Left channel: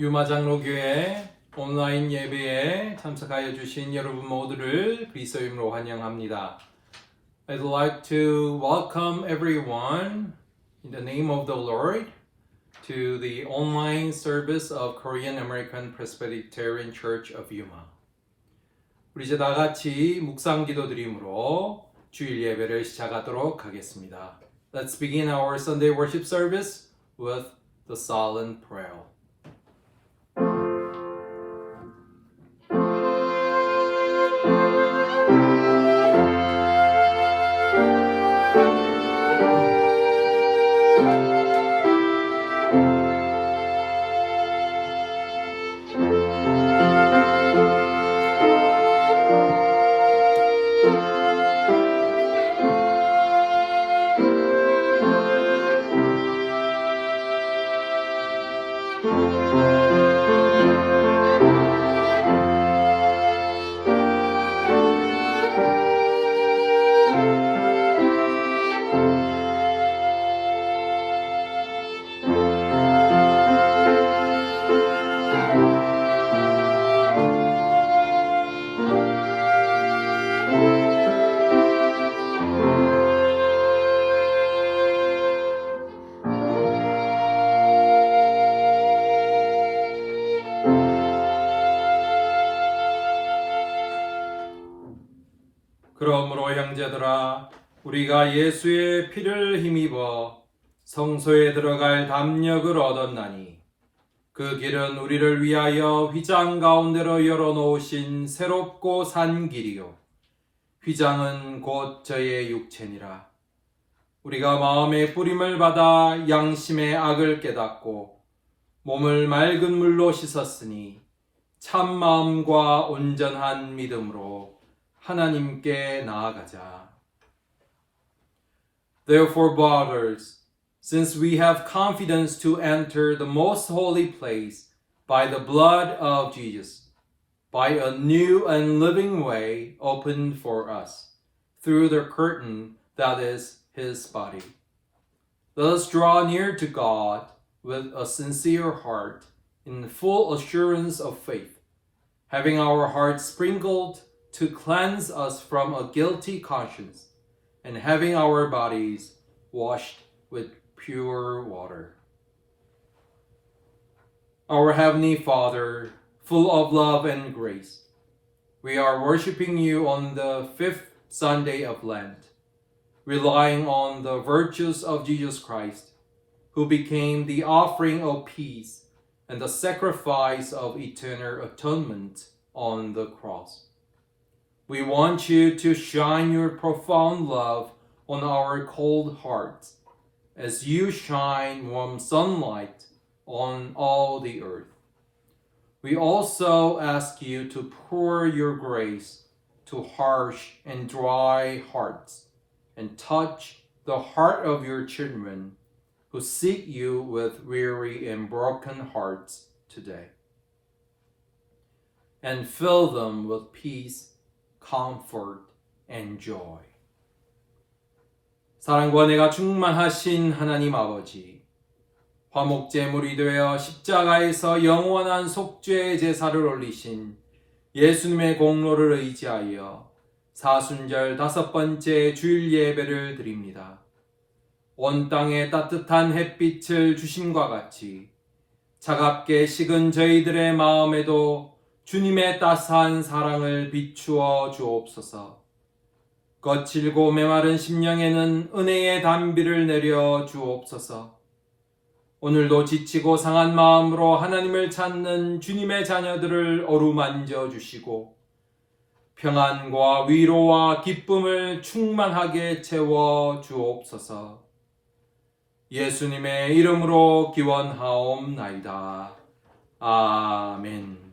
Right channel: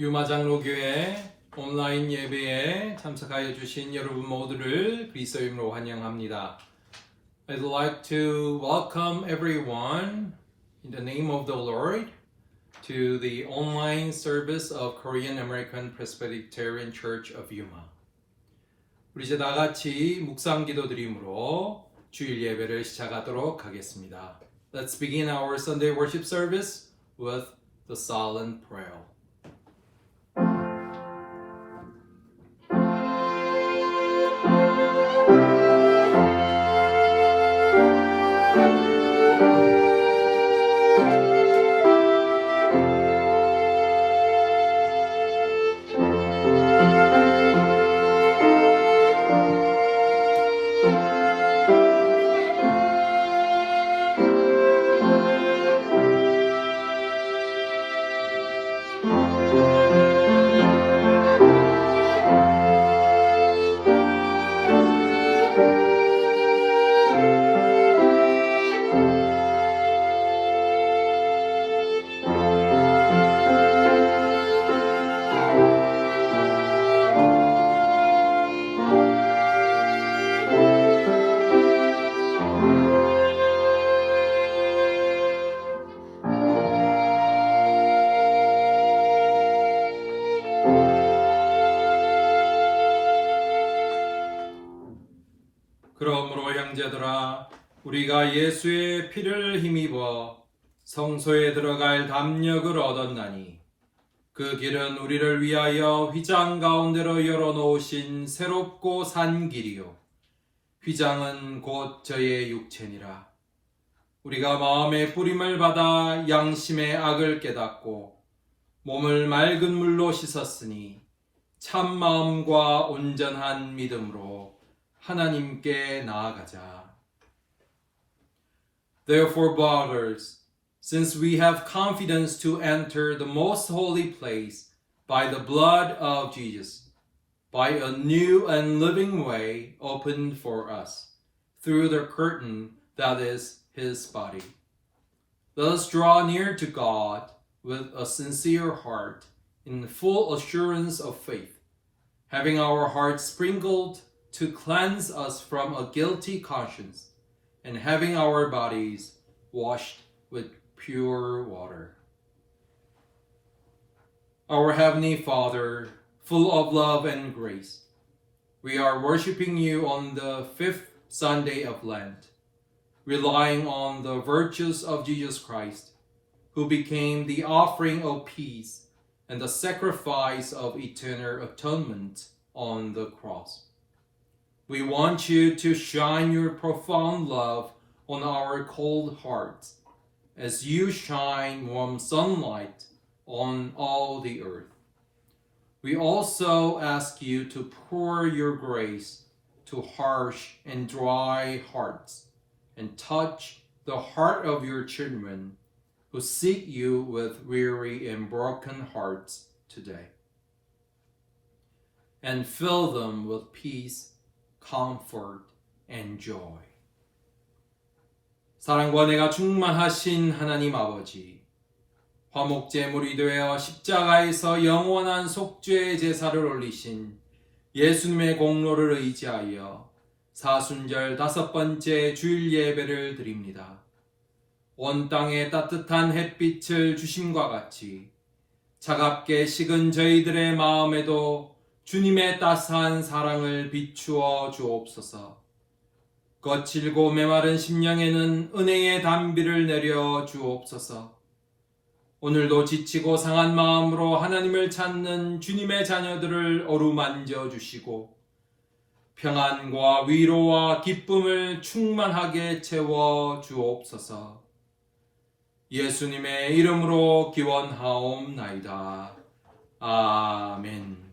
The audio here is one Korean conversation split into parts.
유마장로교회 온라인 예배에 참석하여 주신 여러분 모두를 그리스도 이름으로 환영합니다. I'd like to welcome everyone in the name of the Lord to the online service of Korean American Presbyterian Church of Yuma. 우리 이제 다 같이 묵상 기도드림으로 주일 예배를 시작하도록 하겠습니다. Let's begin our Sunday worship service with the silent prayer. 그러므로 형제들아 우리가 예수의 피를 힘입어 성소에 들어갈 담력을 얻었나니 그 길은 우리를 위하여 휘장 가운데로 열어놓으신 새롭고 산 길이요 휘장은 곧 저의 육체니라. 우리가 마음의 뿌림을 받아 양심의 악을 깨닫고 몸을 맑은 물로 씻었으니 참 마음과 온전한 믿음으로 하나님께 나아가자. Therefore, brothers, since we have confidence to enter the most holy place by the blood of Jesus, by a new and living way opened for us, through the curtain that is his body. Let us draw near to God with a sincere heart, in full assurance of faith, having our hearts sprinkled to cleanse us from a guilty conscience, and having our bodies washed with pure water. Our Heavenly Father, full of love and grace, we are worshiping you on the 5th Sunday of Lent, relying on the virtues of Jesus Christ, who became the offering of peace and the sacrifice of eternal atonement on the cross. We want you to shine your profound love on our cold hearts as you shine warm sunlight on all the earth. We also ask you to pour your grace to harsh and dry hearts and touch the heart of your children who seek you with weary and broken hearts today, and fill them with peace, comfort, and joy. 사랑과 은혜가 충만하신 하나님 아버지, 화목제물이 되어 십자가에서 영원한 속죄의 제사를 올리신 예수님의 공로를 의지하여 사순절 5번째 주일 예배를 드립니다. 온 땅에 따뜻한 햇빛을 주심과 같이 차갑게 식은 저희들의 마음에도 주님의 따스한 사랑을 비추어 주옵소서. 거칠고 메마른 심령에는 은혜의 단비를 내려 주옵소서. 오늘도 지치고 상한 마음으로 하나님을 찾는 주님의 자녀들을 어루만져 주시고 평안과 위로와 기쁨을 충만하게 채워 주옵소서. 예수님의 이름으로 기원하옵나이다. 아멘.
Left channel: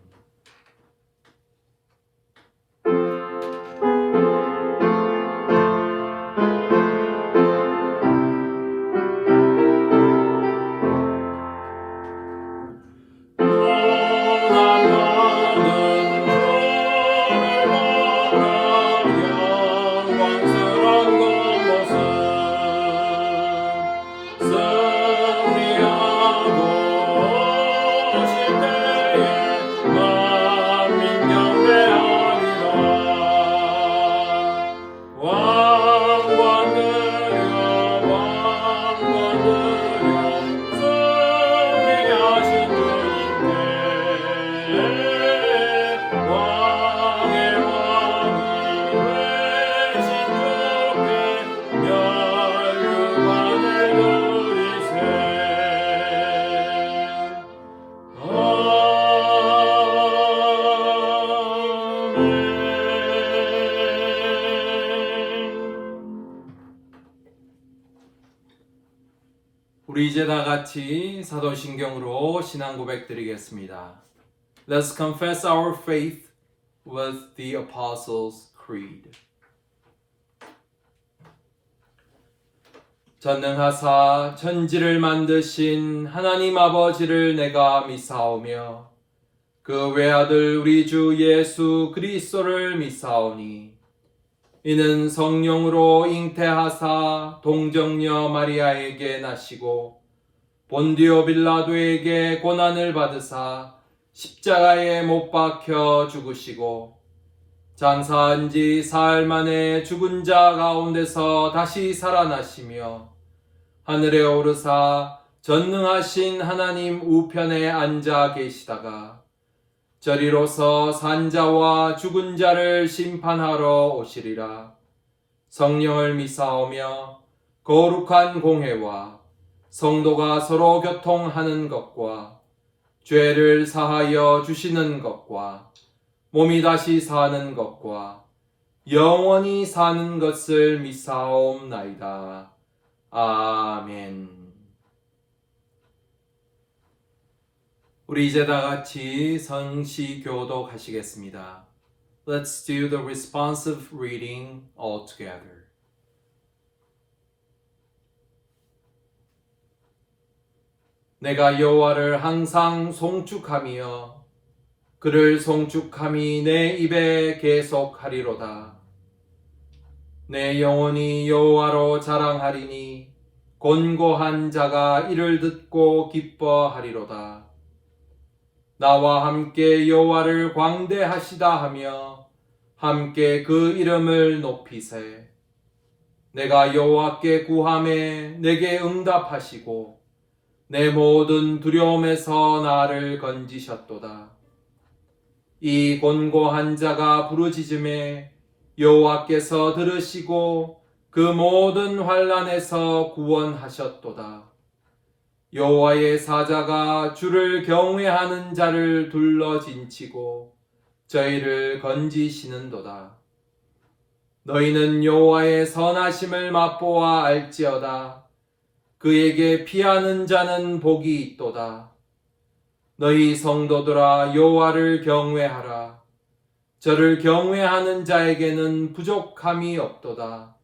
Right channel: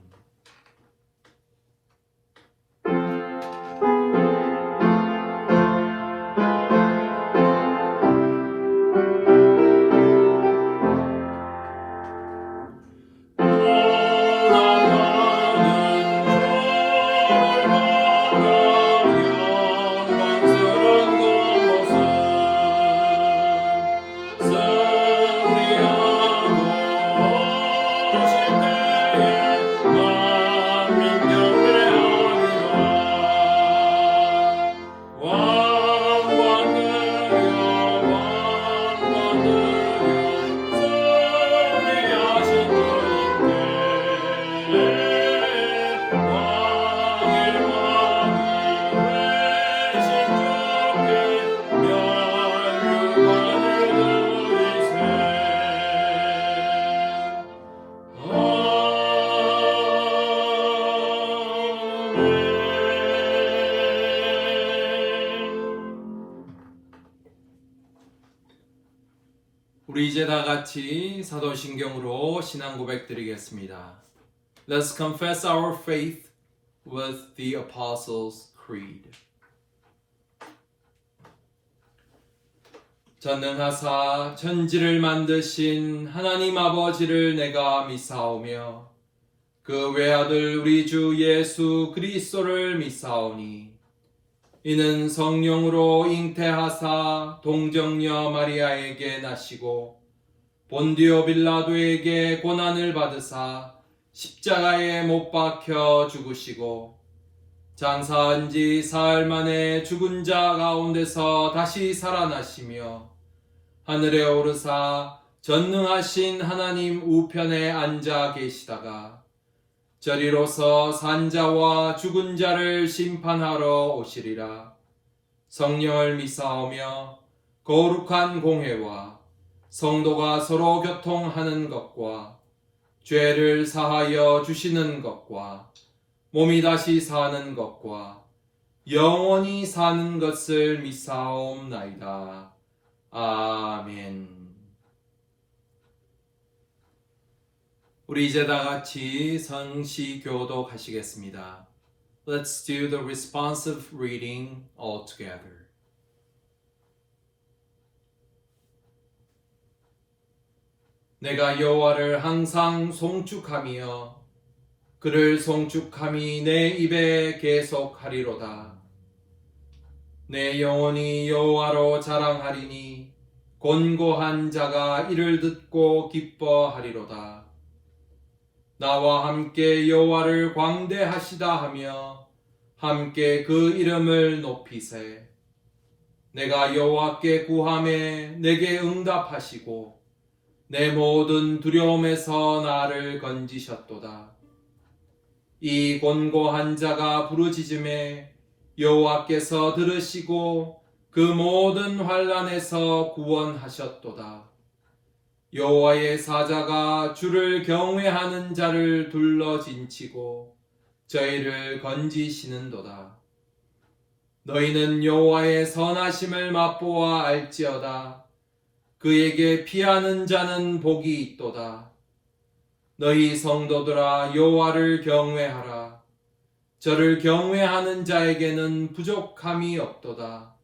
우리 이제 다 같이 사도신경으로 신앙 고백 드리겠습니다. Let's confess our faith with the Apostles' Creed. 전능하사 천지를 만드신 하나님 아버지를 내가 믿사오며 그 외아들 우리 주 예수 그리스도를 믿사오니 이는 성령으로 잉태하사 동정녀 마리아에게 나시고 본디오 빌라도에게 고난을 받으사 십자가에 못 박혀 죽으시고 장사한 지 사흘 만에 죽은 자 가운데서 다시 살아나시며 하늘에 오르사 전능하신 하나님 우편에 앉아 계시다가 저리로서 산자와 죽은 자를 심판하러 오시리라. 성령을 믿사오며 거룩한 공회와 성도가 서로 교통하는 것과 죄를 사하여 주시는 것과 몸이 다시 사는 것과 영원히 사는 것을 믿사옵나이다. 아멘. 우리 이제 다 같이 성시교도 하시겠습니다. Let's do the responsive reading all together. 내가 여호와를 항상 송축하며 그를 송축함이 내 입에 계속하리로다. 내 영혼이 여호와로 자랑하리니 곤고한 자가 이를 듣고 기뻐하리로다. 나와 함께 여호와를 광대하시다 하며 함께 그 이름을 높이세. 내가 여호와께 구하매 내게 응답하시고 내 모든 두려움에서 나를 건지셨도다. 이 곤고한 자가 부르짖음에 여호와께서 들으시고 그 모든 환난에서 구원하셨도다. 여호와의 사자가 주를 경외하는 자를 둘러진치고 저희를 건지시는도다. 너희는 여호와의 선하심을 맛보아 알지어다. 그에게 피하는 자는 복이 있도다. 너희 성도들아 여호와를 경외하라. 저를 경외하는 자에게는 부족함이 없도다.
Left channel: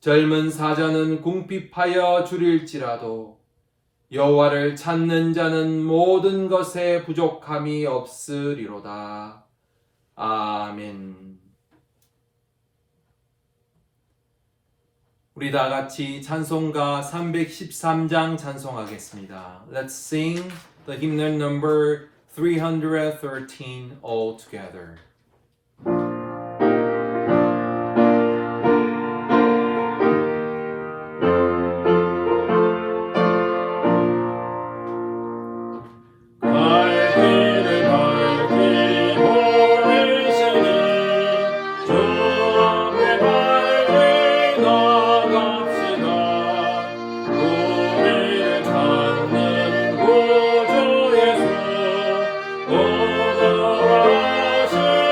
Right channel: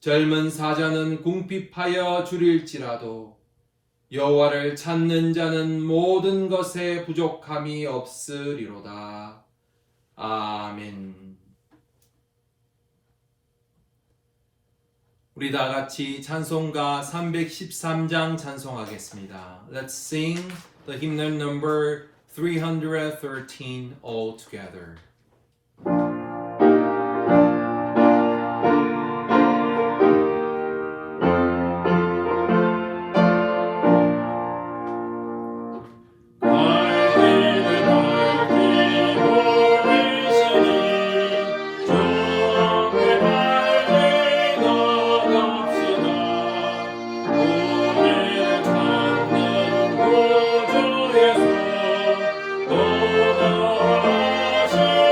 젊은 사자는 궁핍하여 줄일지라도 여호와를 찾는 자는 모든 것에 부족함이 없으리로다. 아멘. 우리 다 같이 찬송가 313장 찬송하겠습니다. Let's sing the hymn number 313 all together. Oh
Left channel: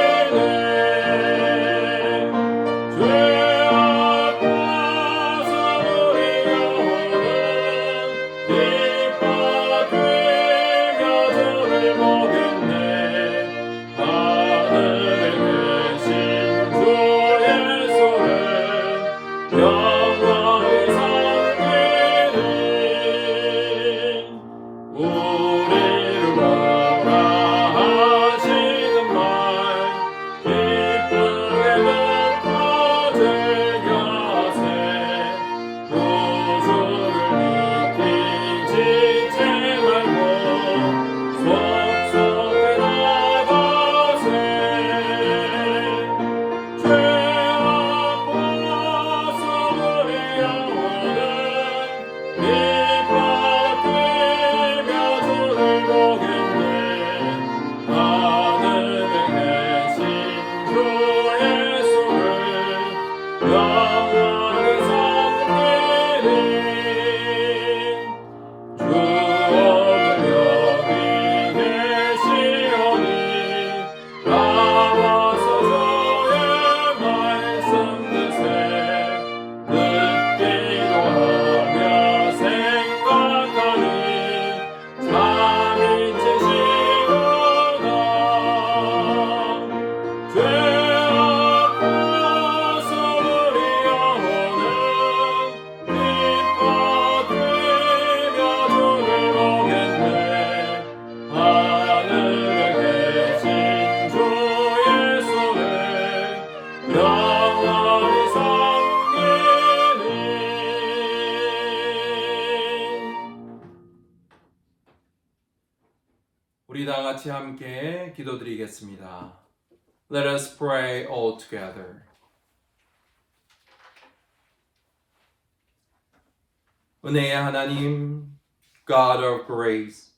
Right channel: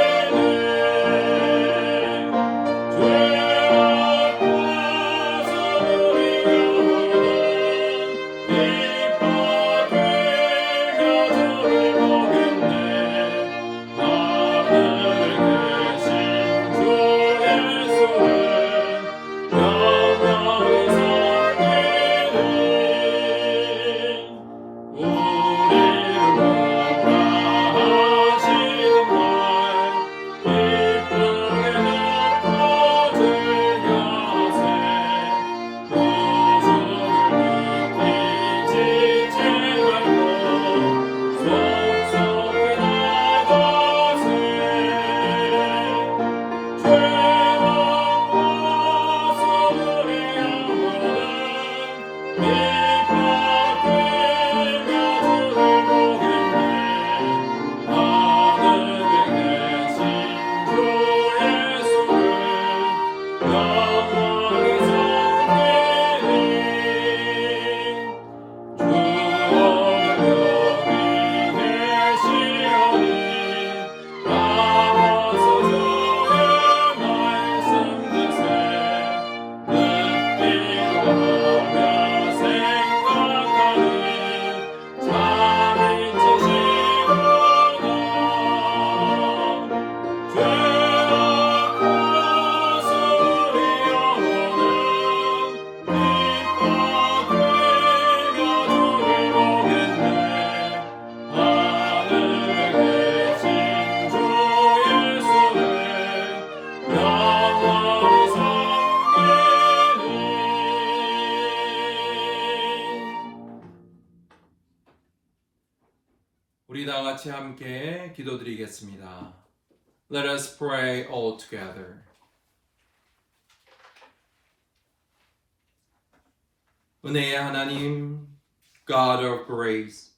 우리 다 같이 함께 기도드리겠습니다. Let us pray all together. 은혜의 하나님, God of grace,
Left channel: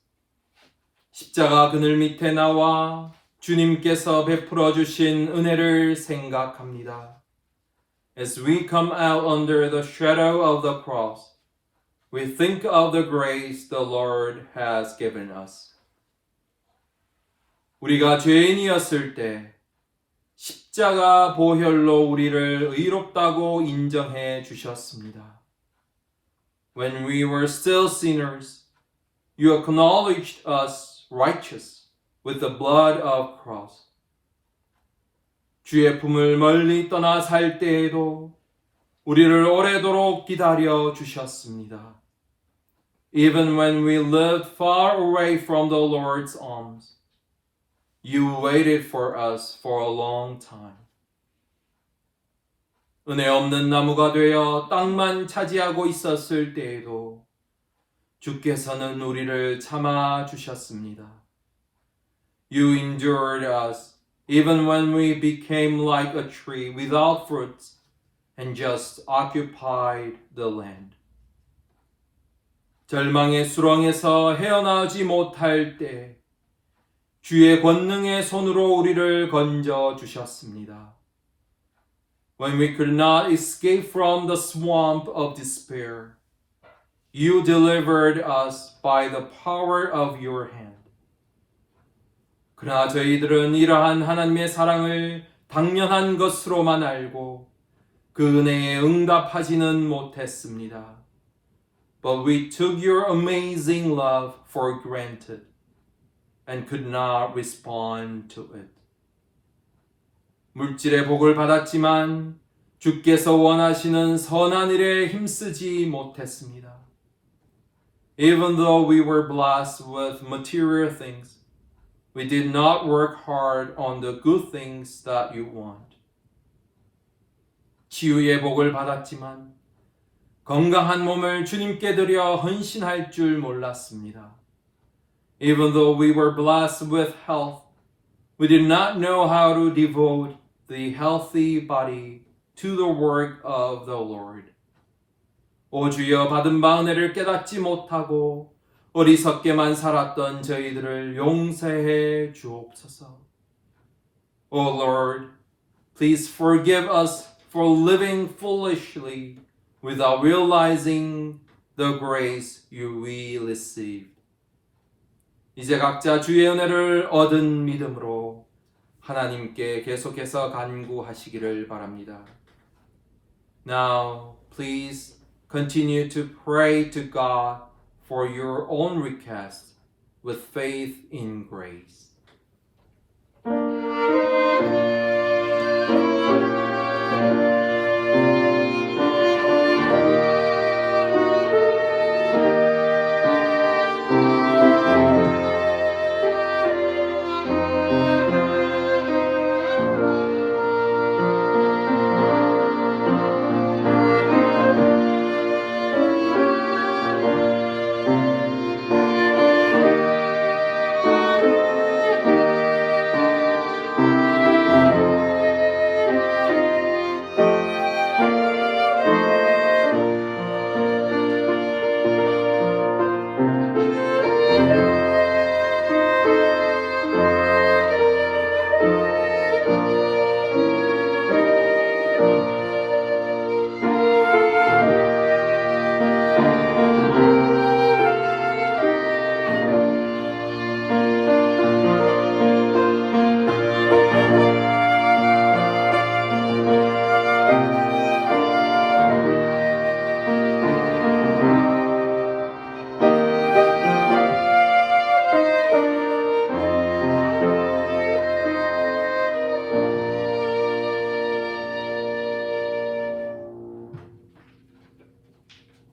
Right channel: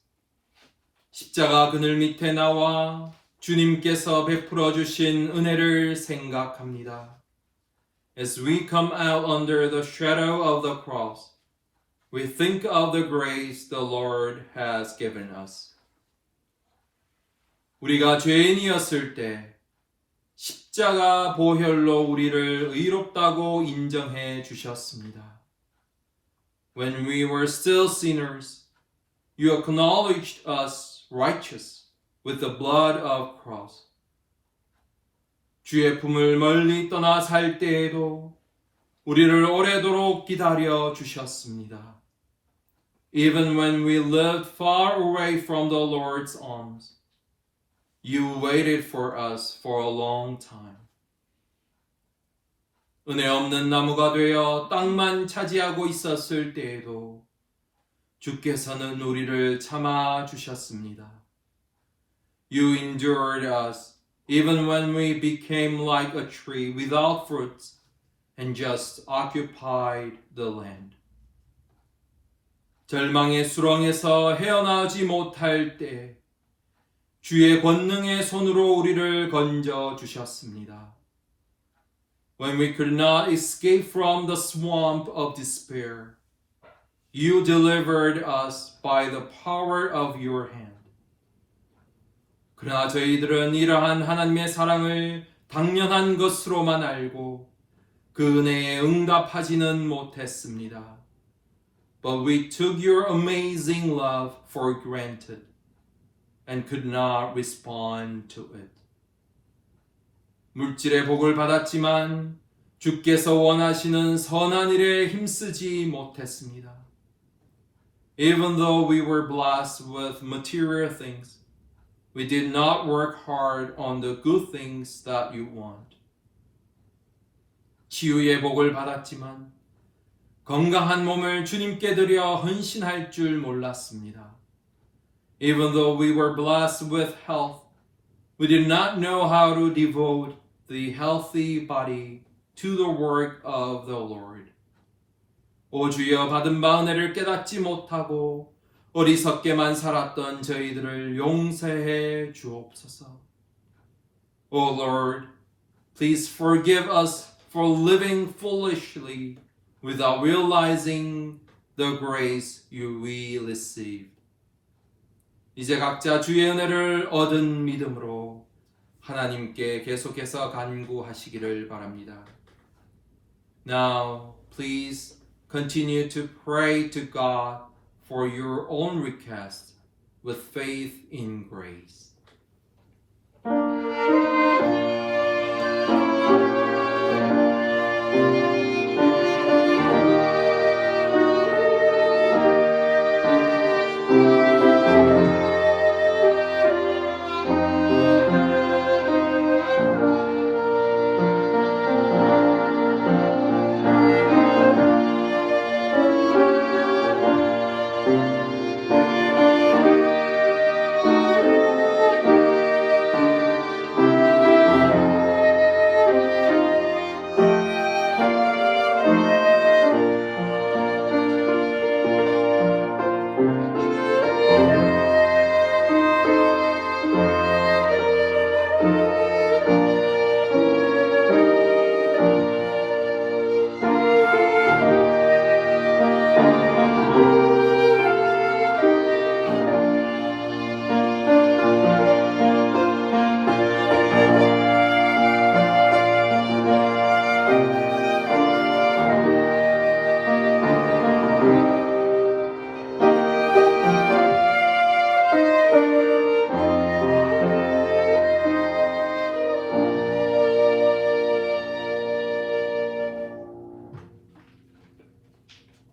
십자가 그늘 밑에 나와 주님께서 베풀어 주신 은혜를 생각합니다. As we come out under the shadow of the cross, we think of the grace the Lord has given us. 우리가 죄인이었을 때 십자가 보혈로 우리를 의롭다고 인정해 주셨습니다. When we were still sinners, you acknowledged us righteous with the blood of cross. 주의 품을 멀리 떠나 살 때에도 우리를 오래도록 기다려 주셨습니다. Even when we lived far away from the Lord's arms, you waited for us for a long time. 은혜 없는 나무가 되어 땅만 차지하고 있었을 때에도 주께서는 우리를 참아 주셨습니다. You endured us even when we became like a tree without fruits and just occupied the land. 절망의 수렁에서 헤어나오지 못할 때 주의 권능의 손으로 우리를 건져 주셨습니다. When we could not escape from the swamp of despair, you delivered us by the power of your hand. 그러나 저희들은 이러한 하나님의 사랑을 당연한 것으로만 알고 그 은혜에 응답하지는 못했습니다. But we took your amazing love for granted and could not respond to it. 물질의 복을 받았지만 주께서 원하시는 선한 일에 힘쓰지 못했습니다. Even though we were blessed with material things, we did not work hard on the good things that you want. 치유의 복을 받았지만 건강한 몸을 주님께 드려 헌신할 줄 몰랐습니다. Even though we were blessed with health, we did not know how to devote the healthy body to the work of the Lord. 오 주여, 받은 바 은혜를 깨닫지 못하고 어리석게만 살았던 저희들을 용서해 주옵소서. O Lord, please forgive us for living foolishly without realizing the grace we received. 이제 각자 주의 은혜를 얻은 믿음으로 하나님께 계속해서 간구하시기를 바랍니다. Now, please continue to pray to God for your own request with faith in grace.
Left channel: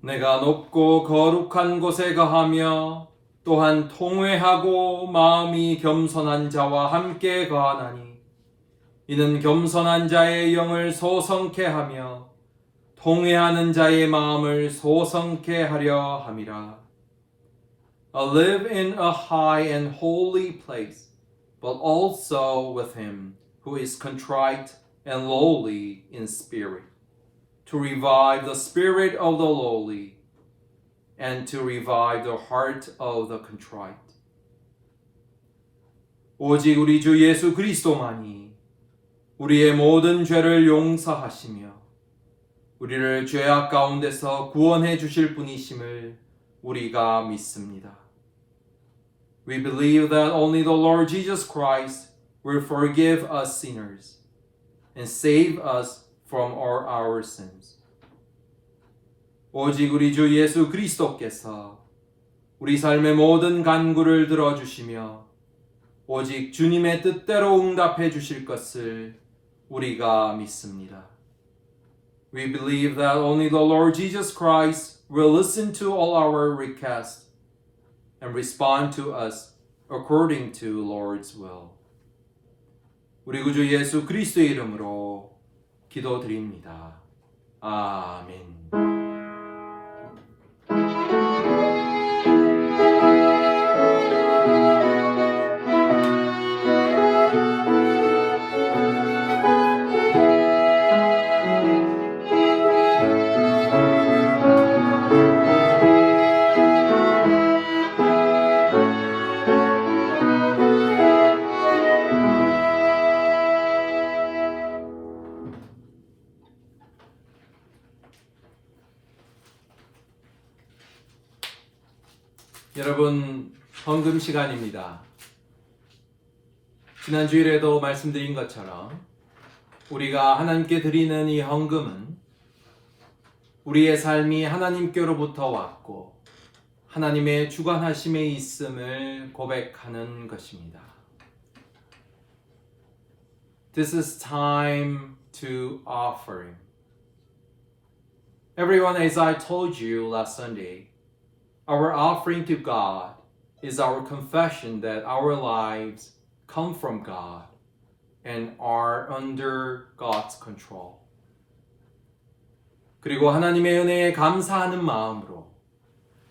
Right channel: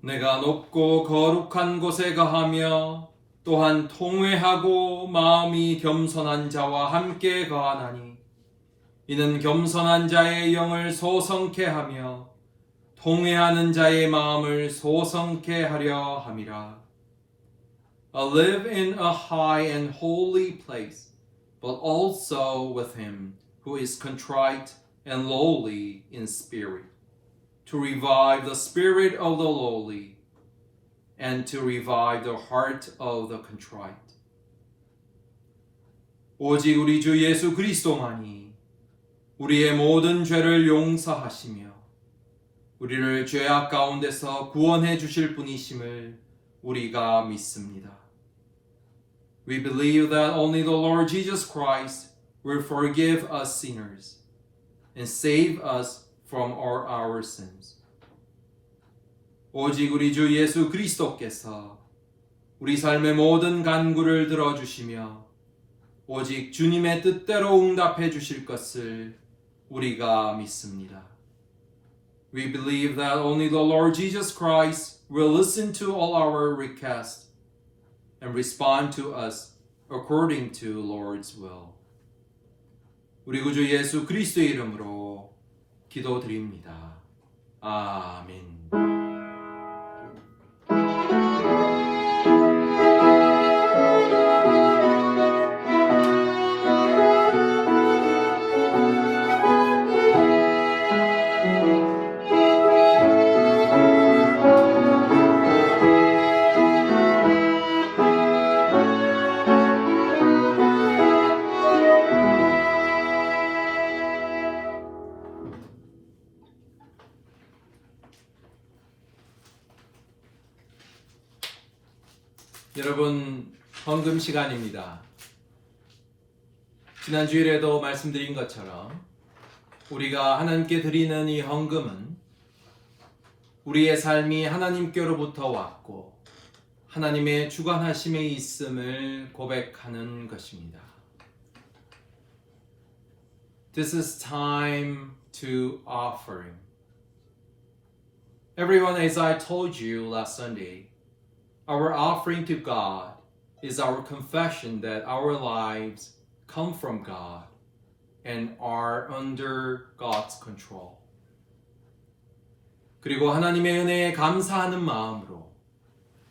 내가 높고 거룩한 곳에 거하며 또한 통회하고 마음이 겸손한 자와 함께 거하나니 이는 겸손한 자의 영을 소성케 하며 통회하는 자의 마음을 소성케 하려 함이라. I live in a high and holy place, but also with him who is contrite and lowly in spirit, to revive the spirit of the lowly, and to revive the heart of the contrite. 오직 우리 주 예수 그리스도만이 우리의 모든 죄를 용서하시며 우리를 죄악 가운데서 구원해 주실 분이심을 우리가 믿습니다. We believe that only the Lord Jesus Christ will forgive us sinners and save us from all our sins. 오직 우리 주 예수 그리스도께서 우리 삶의 모든 간구를 들어주시며 오직 주님의 뜻대로 응답해 주실 것을 우리가 믿습니다. We believe that only the Lord Jesus Christ will listen to all our requests and respond to us according to Lord's will. 우리 구주 예수 그리스도의 이름으로 기도드립니다. 아멘. 여러분, 헌금 시간입니다. 지난 주일에도 말씀드린 것처럼 우리가 하나님께 드리는 이 헌금은 우리의 삶이 하나님께로부터 왔고 하나님의 주관하심에 있음을 고백하는 것입니다. This is time to offering. Everyone, as I told you last Sunday, our offering to God is our confession that our lives come from God and are under God's control. 그리고 하나님의 은혜에 감사하는 마음으로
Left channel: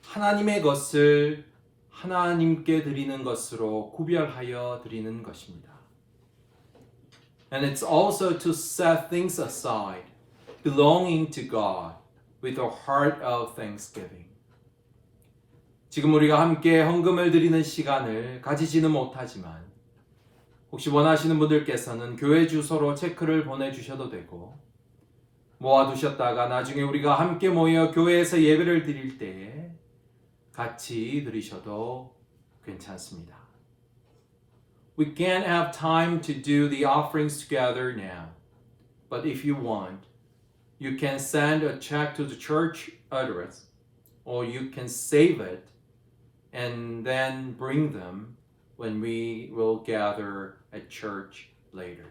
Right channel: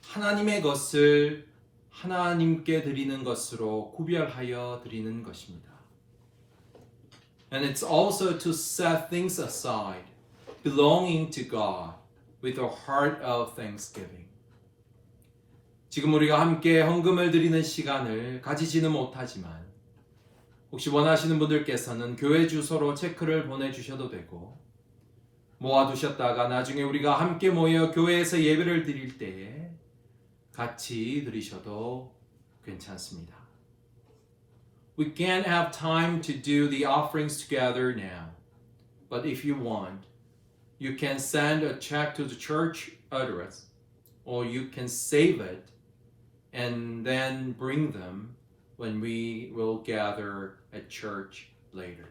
하나님의 것을 하나님께 드리는 것으로 구별하여 드리는 것입니다. And it's also to set things aside belonging to God with a heart of thanksgiving. 지금 우리가 함께 헌금을 드리는 시간을 가지지는 못하지만 혹시 원하시는 분들께서는 교회 주소로 체크를 보내주셔도 되고 모아두셨다가 나중에 우리가 함께 모여 교회에서 예배를 드릴 때에 같이 드리셔도 괜찮습니다. We can't have time to do the offerings together now, but if you want, you can send a check to the church address or you can save it and then bring them when we will gather at church later.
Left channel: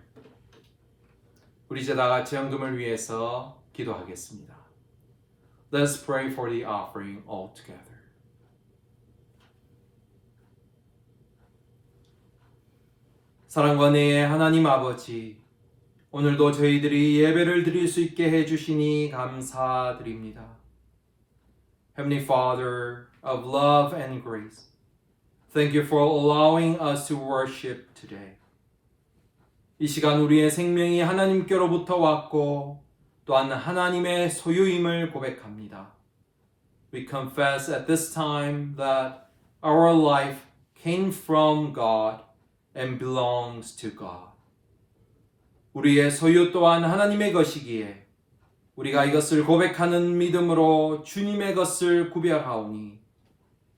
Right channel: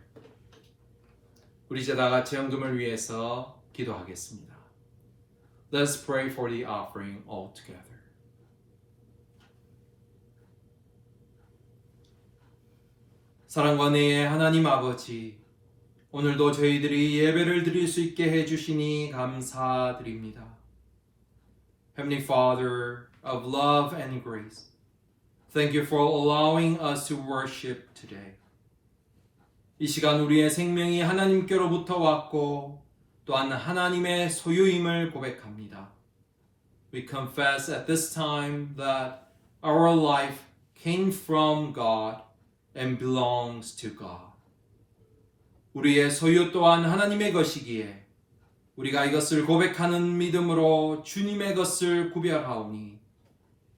우리 이제 다 같이 헌금을 위해서 기도하겠습니다. Let's pray for the offering all together. 사랑과 은혜의 하나님 아버지, 오늘도 저희들이 예배를 드릴 수 있게 해주시니 감사드립니다. Heavenly Father of love and grace, thank you for allowing us to worship today. 이 시간 우리의 생명이 하나님께로부터 왔고 또한 하나님의 소유임을 고백합니다. We confess at this time that our life came from God and belongs to God. 우리의 소유 또한 하나님의 것이기에 우리가 이것을 고백하는 믿음으로 주님의 것을 구별하오니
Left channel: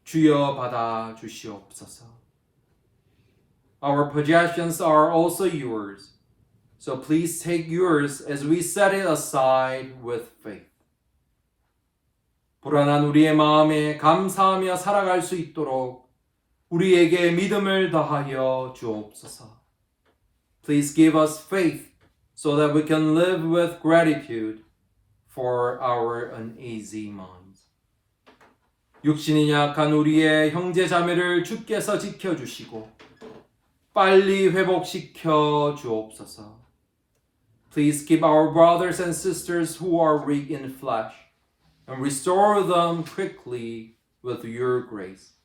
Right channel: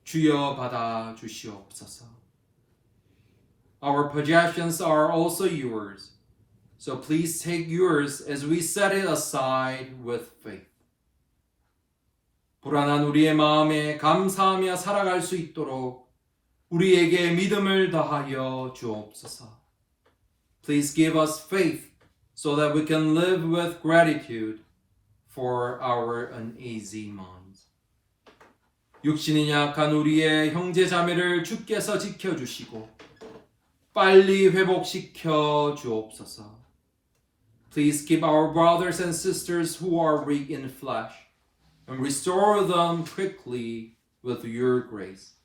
주여 받아 주시옵소서. Our possessions are also yours, so please take yours as we set it aside with faith. 불안한 우리의 마음에 감사하며 살아갈 수 있도록 우리에게 믿음을 더하여 주옵소서. Please give us faith so that we can live with gratitude for our uneasy minds. 육신이 약한 우리의 형제 자매를 주께서 지켜주시고 빨리 회복시켜 주옵소서. Please keep our brothers and sisters who are weak in flesh and restore them quickly with your grace.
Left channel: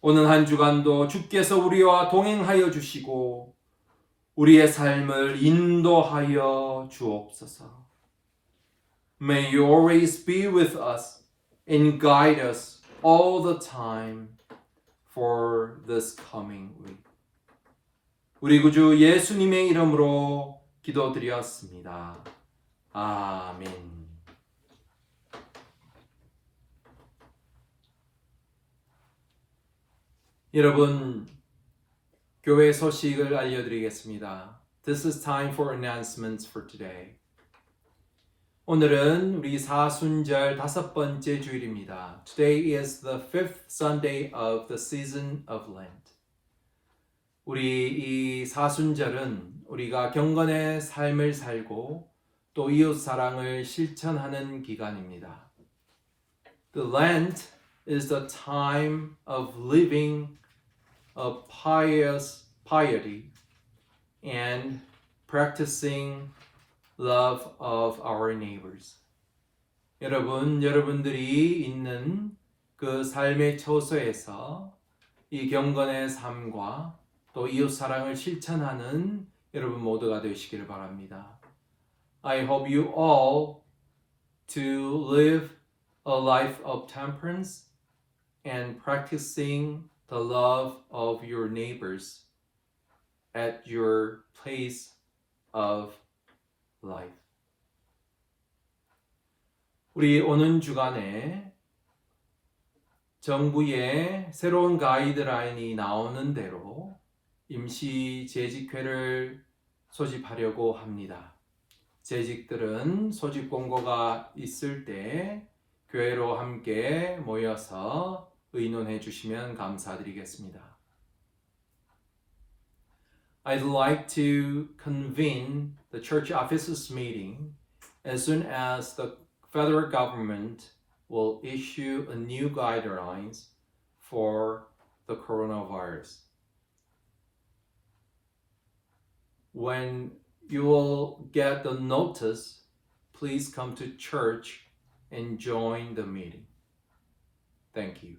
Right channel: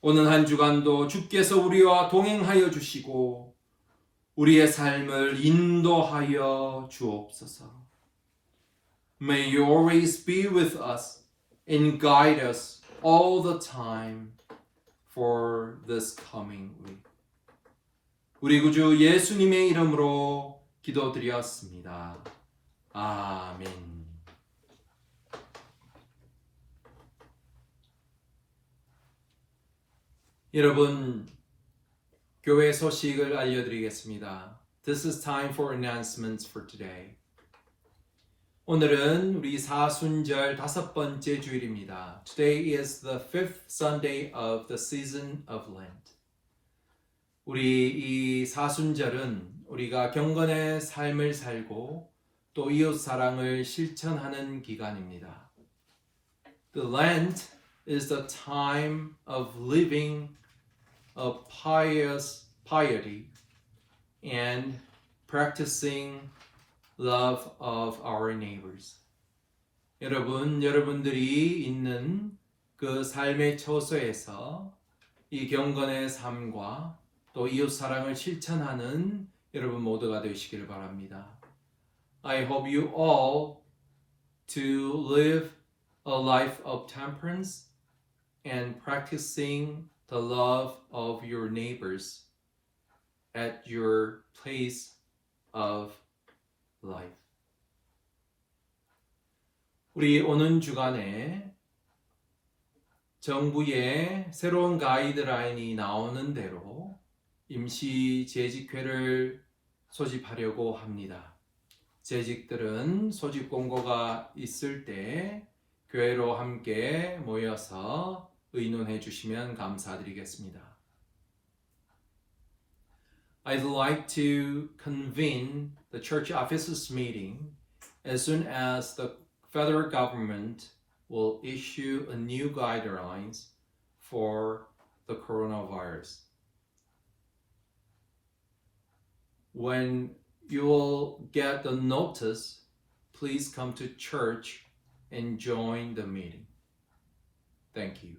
오는 한 주간도 주께서 우리와 동행하여 주시고 우리의 삶을 인도하여 주옵소서. May you always be with us and guide us all the time for this coming week. 우리 구주 예수님의 이름으로 기도드렸습니다. 아멘. 여러분, 교회 소식을 알려드리겠습니다. This is time for announcements for today. 오늘은 우리 사순절 5번째 주일입니다. Today is the 5th Sunday of the season of Lent. 우리 이 사순절은 우리가 경건의 삶을 살고 또 이웃 사랑을 실천하는 기간입니다. The Lent is the time of living a pious piety and practicing love of our neighbors. 여러분들이 있는 그 삶의 처소에서 이 경건의 삶과 또 이웃 사랑을 실천하는 여러분 모두가 되시기를 바랍니다. I hope you all to live a life of temperance and practicing the love of your neighbors at your place of life. 우리 오는 주간에 정부의 새로운 가이드라인이 나오는 대로 임시 재직회를 소집하려고 합니다. 재직들은 소집 공고가 있을 때 교회로 함께 모여서 의논해 주시면 감사드리겠습니다. I'd like to convene the church offices meeting as soon as the federal government will issue a new guidelines for the coronavirus. When you will get the notice, please come to church and join the meeting. Thank you.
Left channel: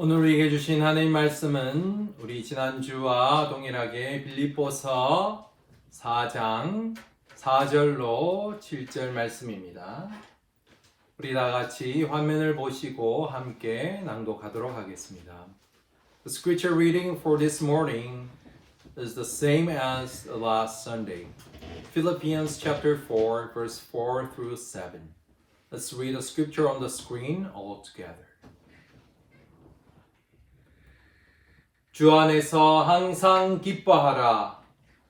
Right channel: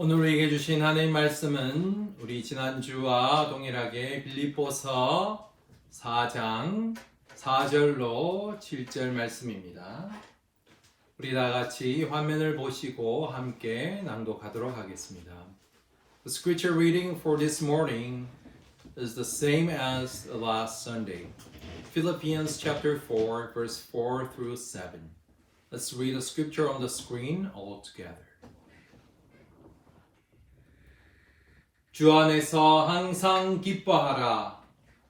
오늘 우리에게 주신 하나님 말씀은 우리 지난주와 동일하게 빌립보서 4장 4절로 7절 말씀입니다. 우리 다 같이 화면을 보시고 함께 낭독하도록 하겠습니다. The scripture reading for this morning is the same as last Sunday. Philippians chapter 4 verse 4 through 7. Let's read the scripture on the screen all together. 주 안에서 항상 기뻐하라.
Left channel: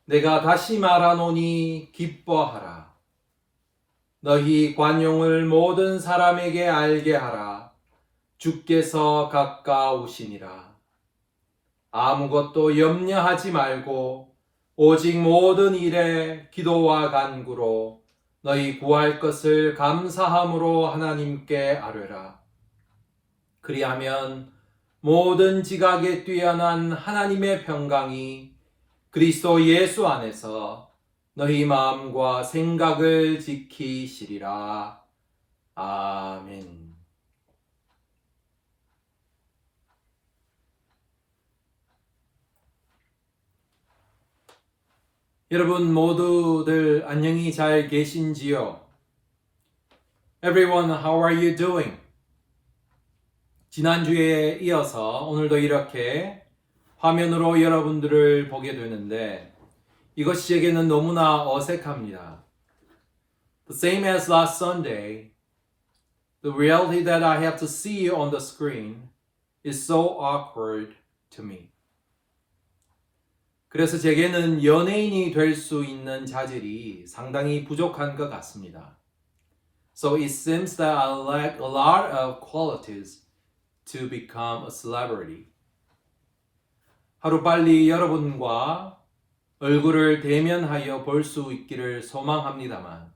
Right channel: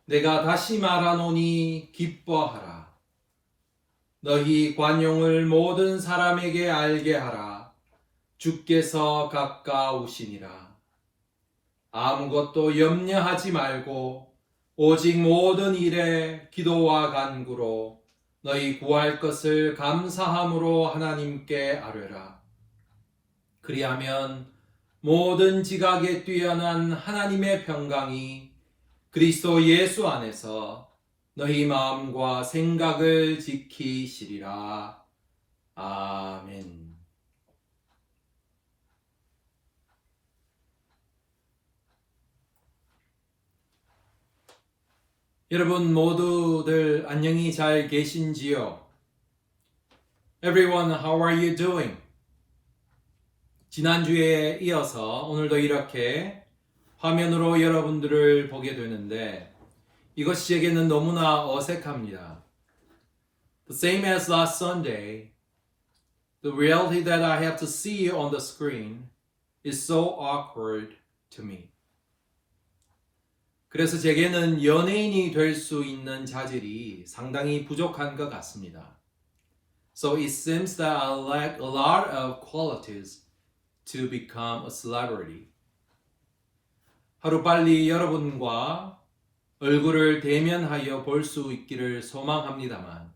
내가 다시 말하노니 기뻐하라. 너희 관용을 모든 사람에게 알게 하라. 주께서 가까우시니라. 아무것도 염려하지 말고 오직 모든 일에 기도와 간구로 너희 구할 것을 감사함으로 하나님께 아뢰라. 그리하면 모든 지각에 뛰어난 하나님의 평강이 그리스도 예수 안에서 너희 마음과 생각을 지키시리라. 아멘. 여러분 모두들 안녕히 잘 계신지요? Everyone, how are you doing? 지난주에 이어서 오늘도 이렇게 화면으로 여러분들을 보게 되는데 이것이 제게는 너무나 어색합니다. The same as last Sunday, the reality that I have to see you on the screen is so awkward to me. 그래서 제게는 연예인이 될 수 있는 자질이 상당히 부족한 것 같습니다. So it seems that I lack a lot of qualities to become a celebrity. 하루빨리 여러분과 얼굴을 대면하여 볼 수 있기를 소망합니다만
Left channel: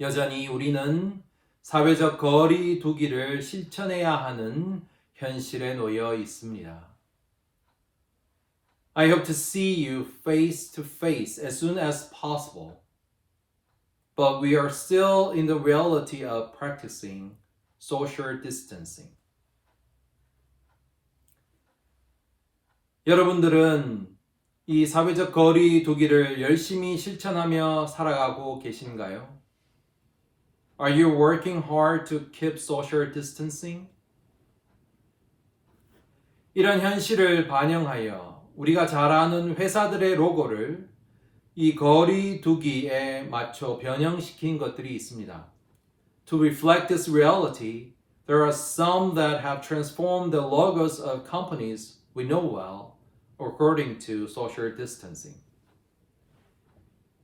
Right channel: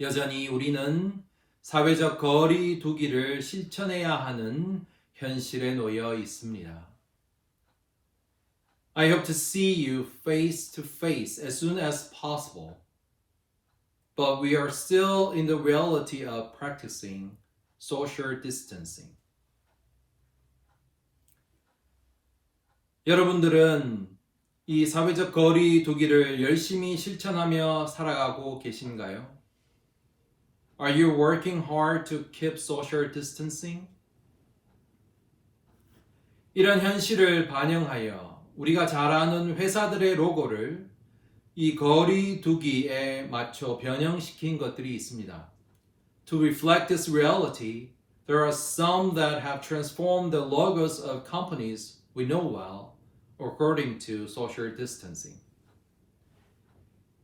여전히 우리는 사회적 거리 두기를 실천해야 하는 현실에 놓여 있습니다. I hope to see you face to face as soon as possible. But we are still in the reality of practicing social distancing. 여러분들은 이 사회적 거리 두기를 열심히 실천하며 살아가고 계신가요? Are you working hard to keep social distancing? 이런 현실을 반영하여 우리가 잘 아는 회사들의 로고를 이 거리 두기에 맞춰 변형시킨 것들이 있습니다. To reflect this reality, there are some that have transformed the logos of companies we know well according to social distancing.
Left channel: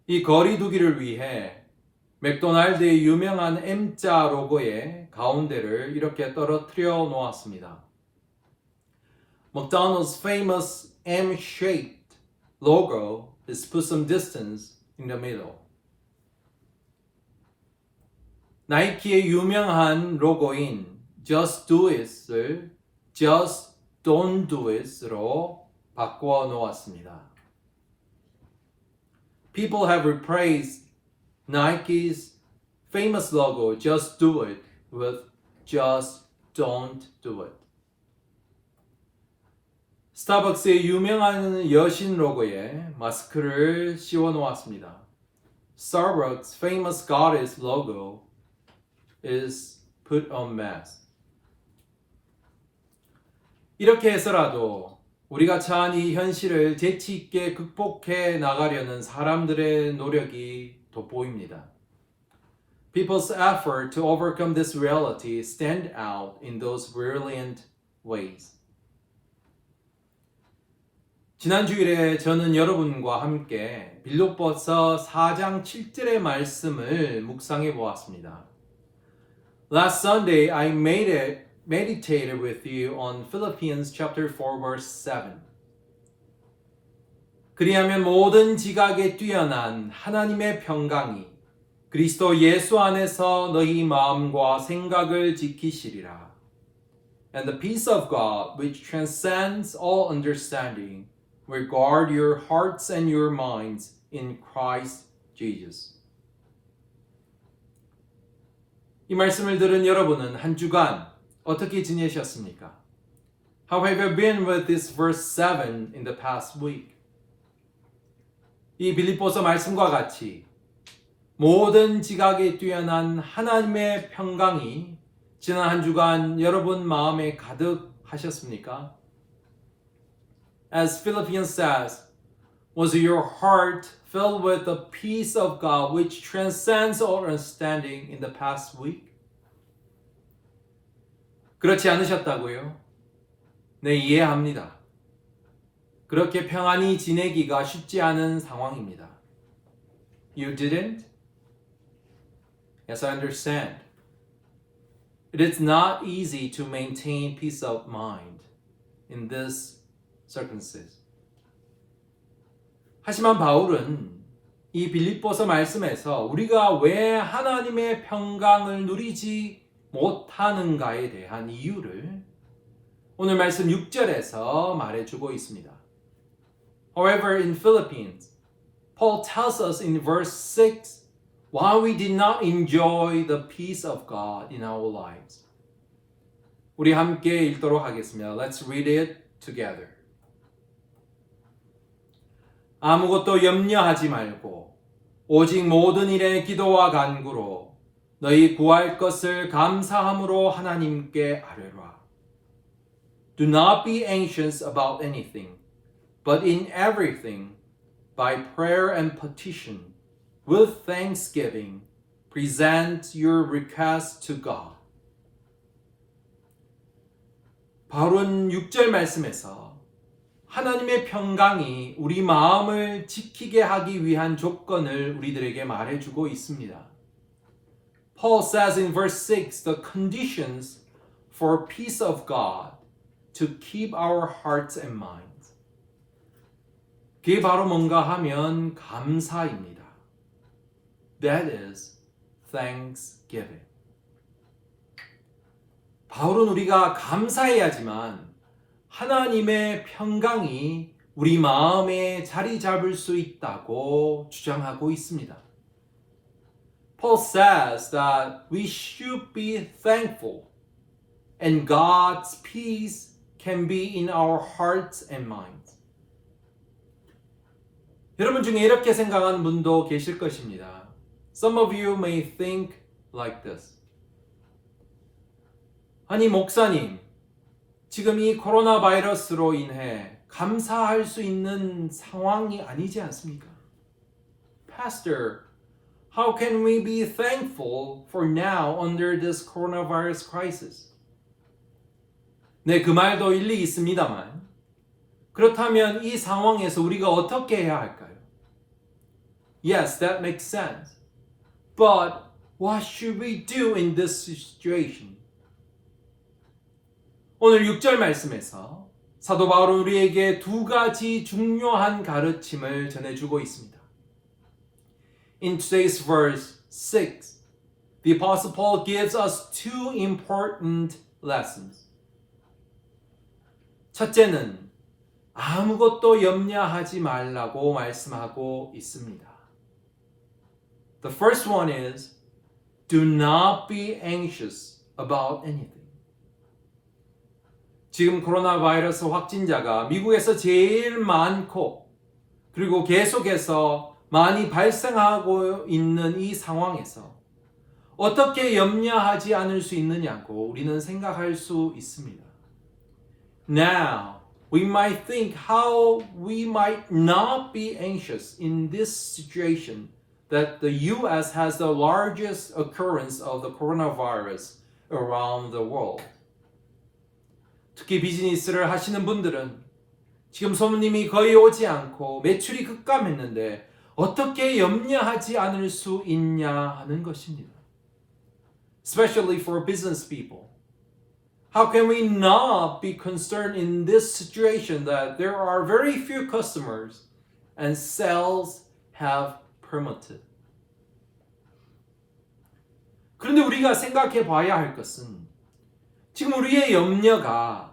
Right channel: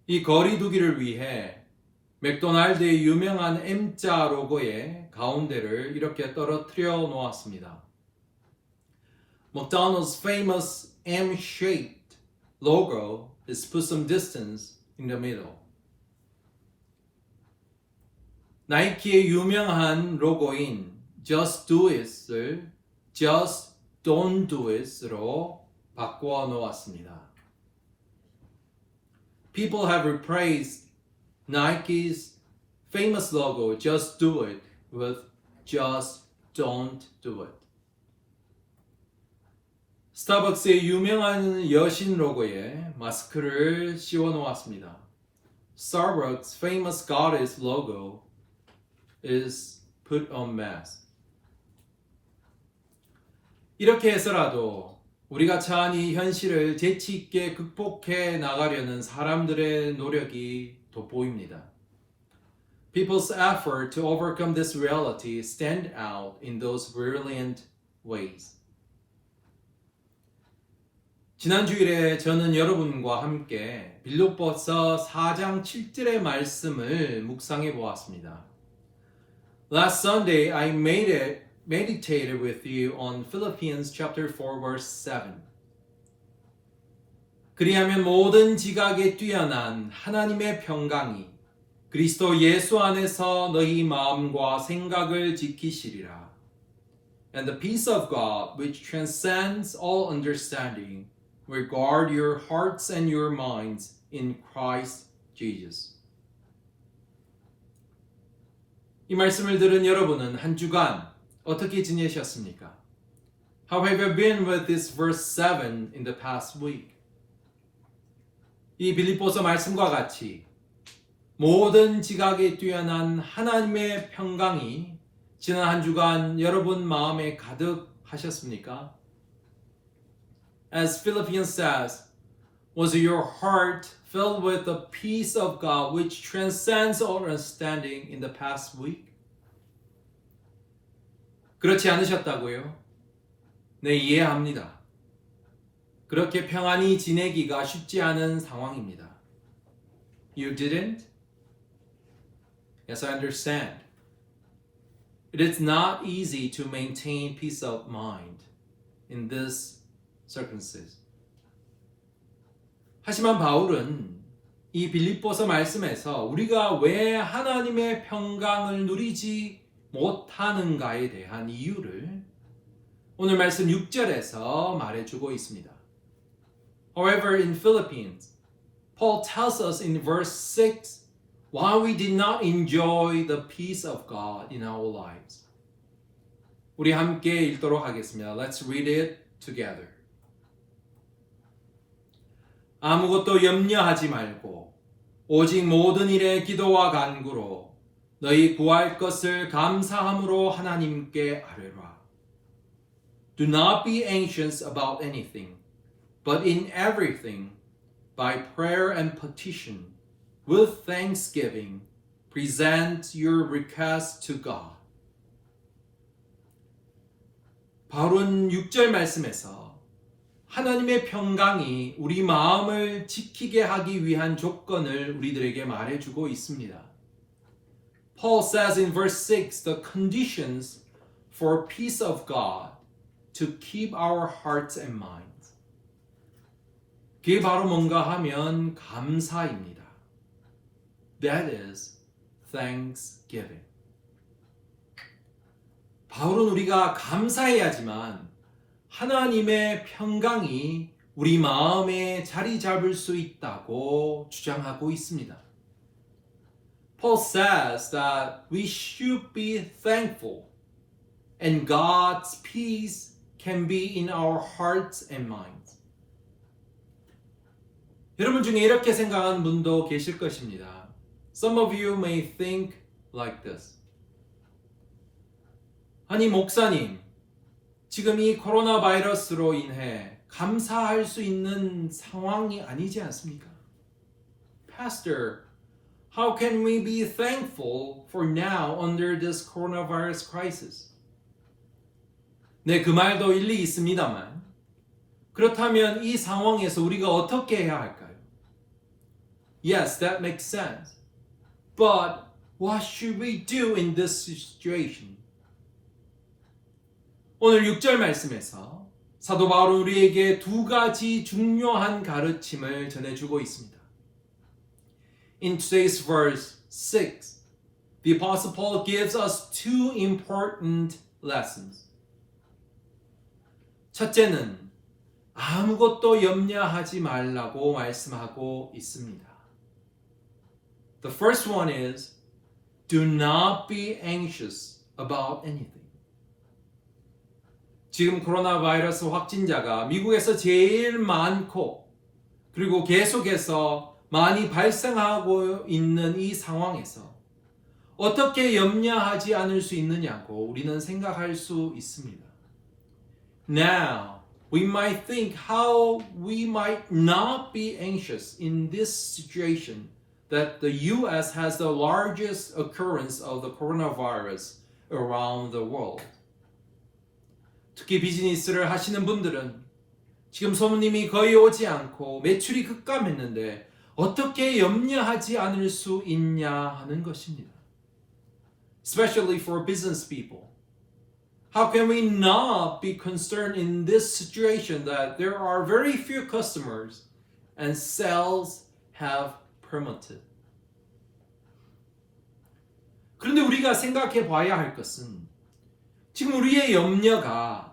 이 거리 두기를 위해 맥도날드의 유명한 M자 로고의 가운데를 이렇게 떨어뜨려 놓았습니다. McDonald's famous M-shaped logo is put some distance in the middle. 나이키의 유명한 로고인 Just Do It을 Just Don't Do It으로 바꿔 놓았습니다. People have replaced Nike's famous logo Just Do It with Just Don't Do It. 스타벅스의 유명한 여신 로고에 마스크를 씌워 놓았습니다. Starbucks' famous goddess logo is put on mask. 이렇게 해서라도 우리가 처한 이 현실을 재치 있게 극복해 나가려는 사람들의 노력이 돋보입니다. people's effort to overcome this reality stand out in those brilliant ways. 지난 주일에 저는 여러분과 함께 빌립보서 4장 7절의 말씀을 묵상해 보았습니다. Last Sunday I meditated with you on Philippians chapter 4 verse 7. 그리하면 모든 지각에 뛰어난 하나님의 평강이 그리스도 예수 안에서 너희 마음과 생각을 지키시리라. And the peace of God, which transcends all understanding, will guard your hearts and your minds in Christ Jesus. 이 말씀을 들은 여러분은 한 주간 어떻게 지내셨습니까? How have you been with this verse 7 in the past week? 이 빌립보서 말씀과 같이 모든 지각에 뛰어난 하나님의 평강이 지난 한 주간 여러분 마음에 가득하셨습니까? As Philippians says, was your heart filled with the peace of God which transcends all understanding in the past week? 그렇지 않으셨다고요? 네, 이해합니다. 그렇게 평안히 지내기가 쉽지 않은 상황입니다. You didn't? Yes, I understand. It is not easy to maintain peace of mind in this circumstance. 하지만 바울은 이 빌립보서 말씀에서 우리가 왜 하나님의 평강을 누리지 못하는가에 대한 이유를 오늘 말씀 6절에서 말해주고 있습니다. However, in Philippians, Paul tells us in verse 6 why we did not enjoy the peace of God in our lives. 우리 함께 읽도록 하겠습니다. Let's read it together. 아무것도 염려하지 말고 오직 모든 일에 기도와 간구로 너희 구할 것을 감사함으로 하나님께 아뢰라. Do not be anxious about anything, but in everything, by prayer and petition, with thanksgiving, present your request to God. 바울은 6절 말씀에서 하나님의 평강이 우리 마음을 지키게 하기 위한 조건을 우리들에게 말해주고 있습니다. Paul says in verse 6 the conditions for peace of God to keep our hearts and minds. 그게 바로 뭔가 하면 감사입니다. That is thanksgiving. 바울은 우리가 감사해야지만 하나님의 평강이 우리 마음에 자리 잡을 수 있다고 주장하고 있습니다. Paul says that we should be thankful and God's peace can be in our hearts and minds. 여러분 중에 이렇게 생각하는 분도 계실 것입니다. Some of you may think like this. 아니 목사님, 지금 이 코로나 바이러스로 인해 감사할 수 있는 상황이 아니지 않습니까? Pastor, how can we be thankful for now under this coronavirus crisis? 네, 그 말도 일리 있습니다만 그렇다면 이 상황에서 우리가 어떻게 해야 할까요? Yes, that makes sense. But what should we do in this situation? 오늘 6절 말씀에서 사도 바울은 우리에게 두 가지 중요한 가르침을 전해주고 있습니다. In today's verse 6, the Apostle Paul gives us two important lessons. 첫째는 아무것도 염려하지 말라고 말씀하고 있습니다. The first one is, do not be anxious about anything. 지금 코로나 바이러스 확진자가 미국에서 제일 많고 그리고 계속해서 많이 발생하고 있는 이 상황에서 어떻게 염려하지 않을 수 있느냐고 우리는 생각할 수 있습니다. Now, we might think how we might not be anxious in this situation that the US has the largest occurrence of the coronavirus around the world. 특히 비즈니스를 하시는 분들은 지금 손님이 거의 오지 않고 매출이 급감했는데 어떻게 염려하지 않을 수 있냐 하는 것입니다. Especially for business people. How can we not be concerned in this situation that there are very few customers and sales have plummeted? 그런데 우리가 생각해 봐야 할 것은 지금 우리의 염려가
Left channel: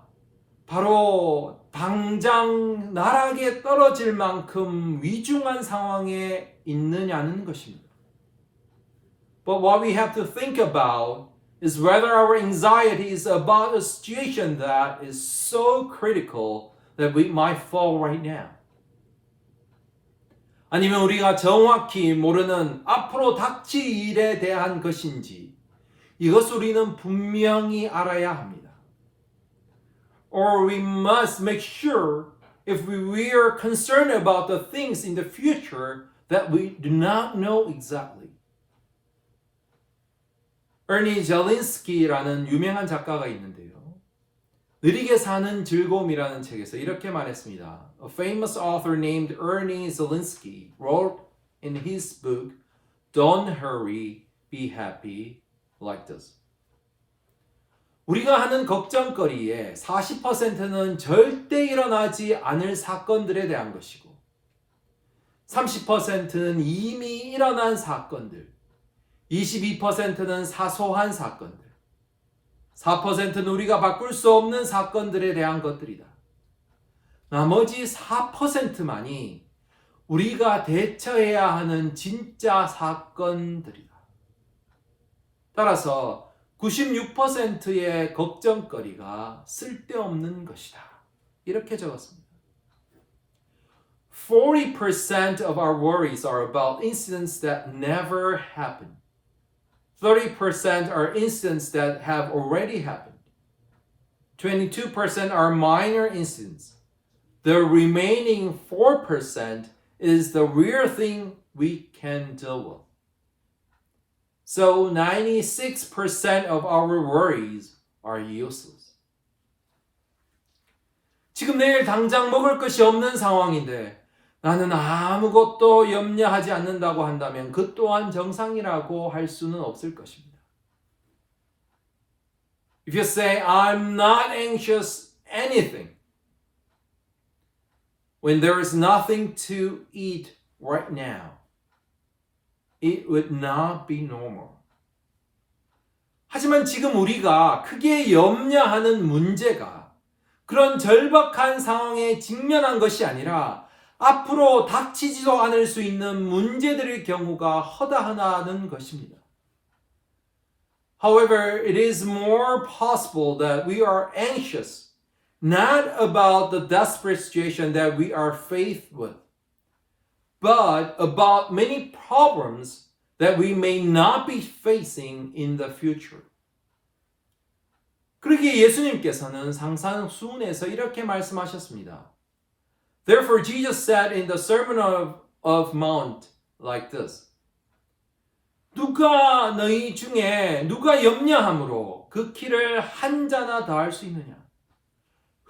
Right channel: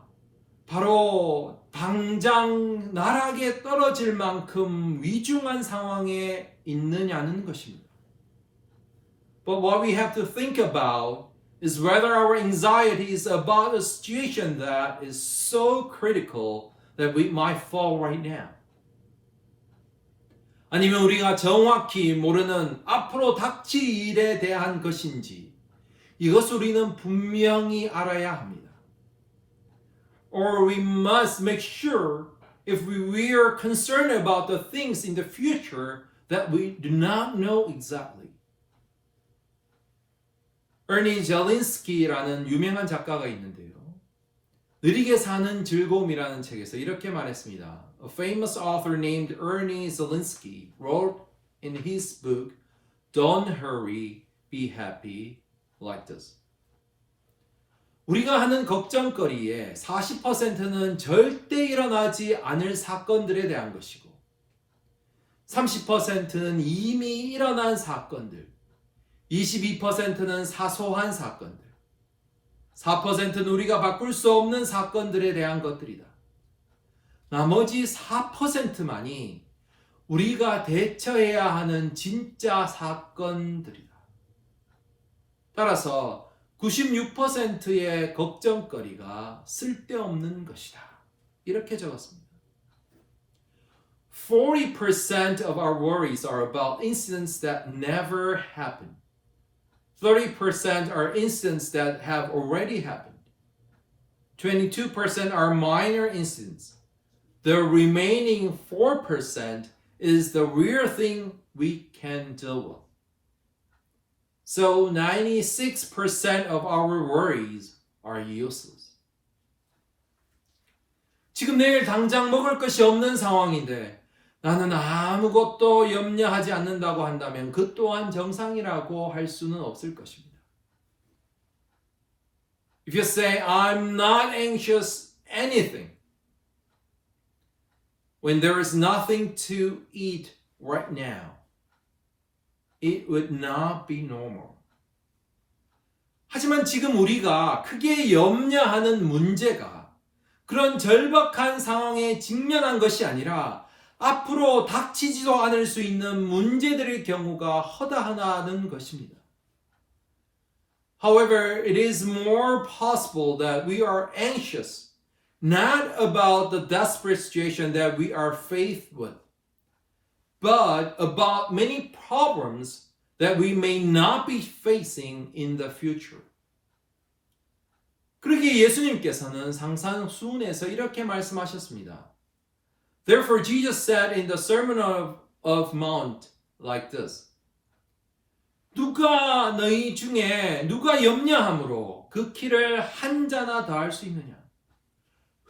바로 당장 나락에 떨어질 만큼 위중한 상황에 있느냐는 것입니다. But what we have to think about is whether our anxiety is about a situation that is so critical that we might fall right now. 아니면 우리가 정확히 모르는 앞으로 닥칠 일에 대한 것인지 이것을 우리는 분명히 알아야 합니다. Or we must make sure if we are concerned about the things in the future that we do not know exactly. 에르니 젤린스키라는 유명한 작가가 있는데요. 느리게 사는 즐거움이라는 책에서 이렇게 말했습니다. A famous author named Ernie Zelinsky wrote in his book, Don't hurry, be happy, like this. 우리가 하는 걱정거리의 40%는 절대 일어나지 않을 사건들에 대한 것이고 30%는 이미 일어난 사건들, 22%는 사소한 사건들, 4%는 우리가 바꿀 수 없는 사건들에 대한 것들이다. 나머지 4%만이 우리가 대처해야 하는 진짜 사건들이다. 따라서 96%의 걱정거리가 쓸데없는 것이다. 이렇게 적었습니다. 40% of our worries are about incidents that never happened. 30% are incidents that have already happened. 22% are minor incidents. The remaining 4% is the real thing we can deal with. So 96% of our worries are useless. 지금 내일 당장 먹을 것이 없는 상황인데 나는 아무것도 염려하지 않는다고 한다면 그 또한 정상이라고 할 수는 없을 것입니다. If you say, I'm not anxious anything, when there is nothing to eat right now, it would not be normal. 하지만 지금 우리가 크게 염려하는 문제가 그런 절박한 상황에 직면한 것이 아니라 앞으로 닥치지도 않을 수 있는 문제들의 경우가 허다하다는 것입니다. However, it is more possible that we are anxious not about the desperate situation that we are faced with, but about many problems that we may not be facing in the future. 그러기에 예수님께서는 상산수훈에서 이렇게 말씀하셨습니다. Therefore, Jesus said in the Sermon of Mount like this. 누가 너희 중에 누가 염려함으로 그 키를 한 자나 더할 수 있느냐?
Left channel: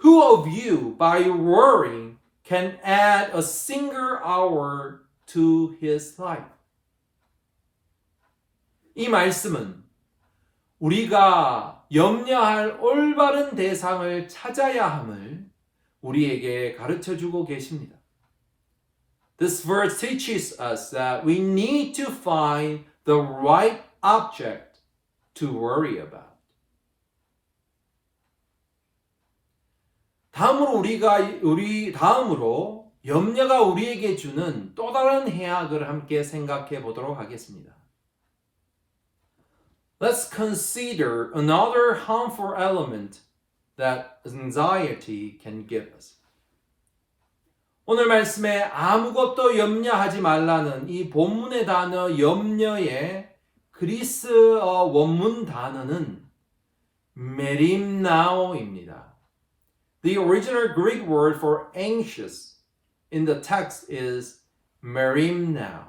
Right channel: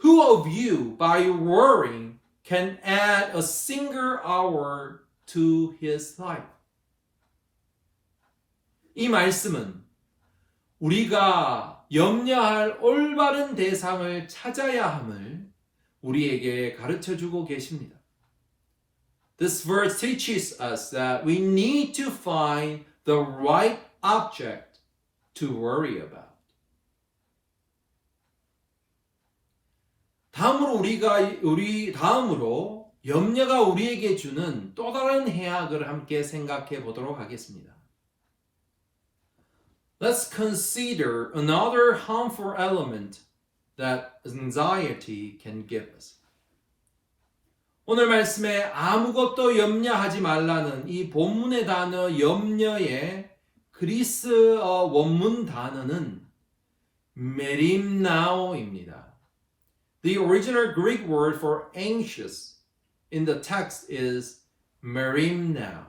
Who of you by worrying can add a single hour to his life? 이 말씀은 우리가 염려할 올바른 대상을 찾아야 함을 우리에게 가르쳐주고 계십니다. This verse teaches us that we need to find the right object to worry about. 다음으로 염려가 우리에게 주는 또 다른 해악을 함께 생각해 보도록 하겠습니다. Let's consider another harmful element that anxiety can give us. 오늘 말씀에 아무것도 염려하지 말라는 이 본문의 단어 염려의 그리스어 원문 단어는 메림나오입니다. The original Greek word for anxious in the text is merimnao.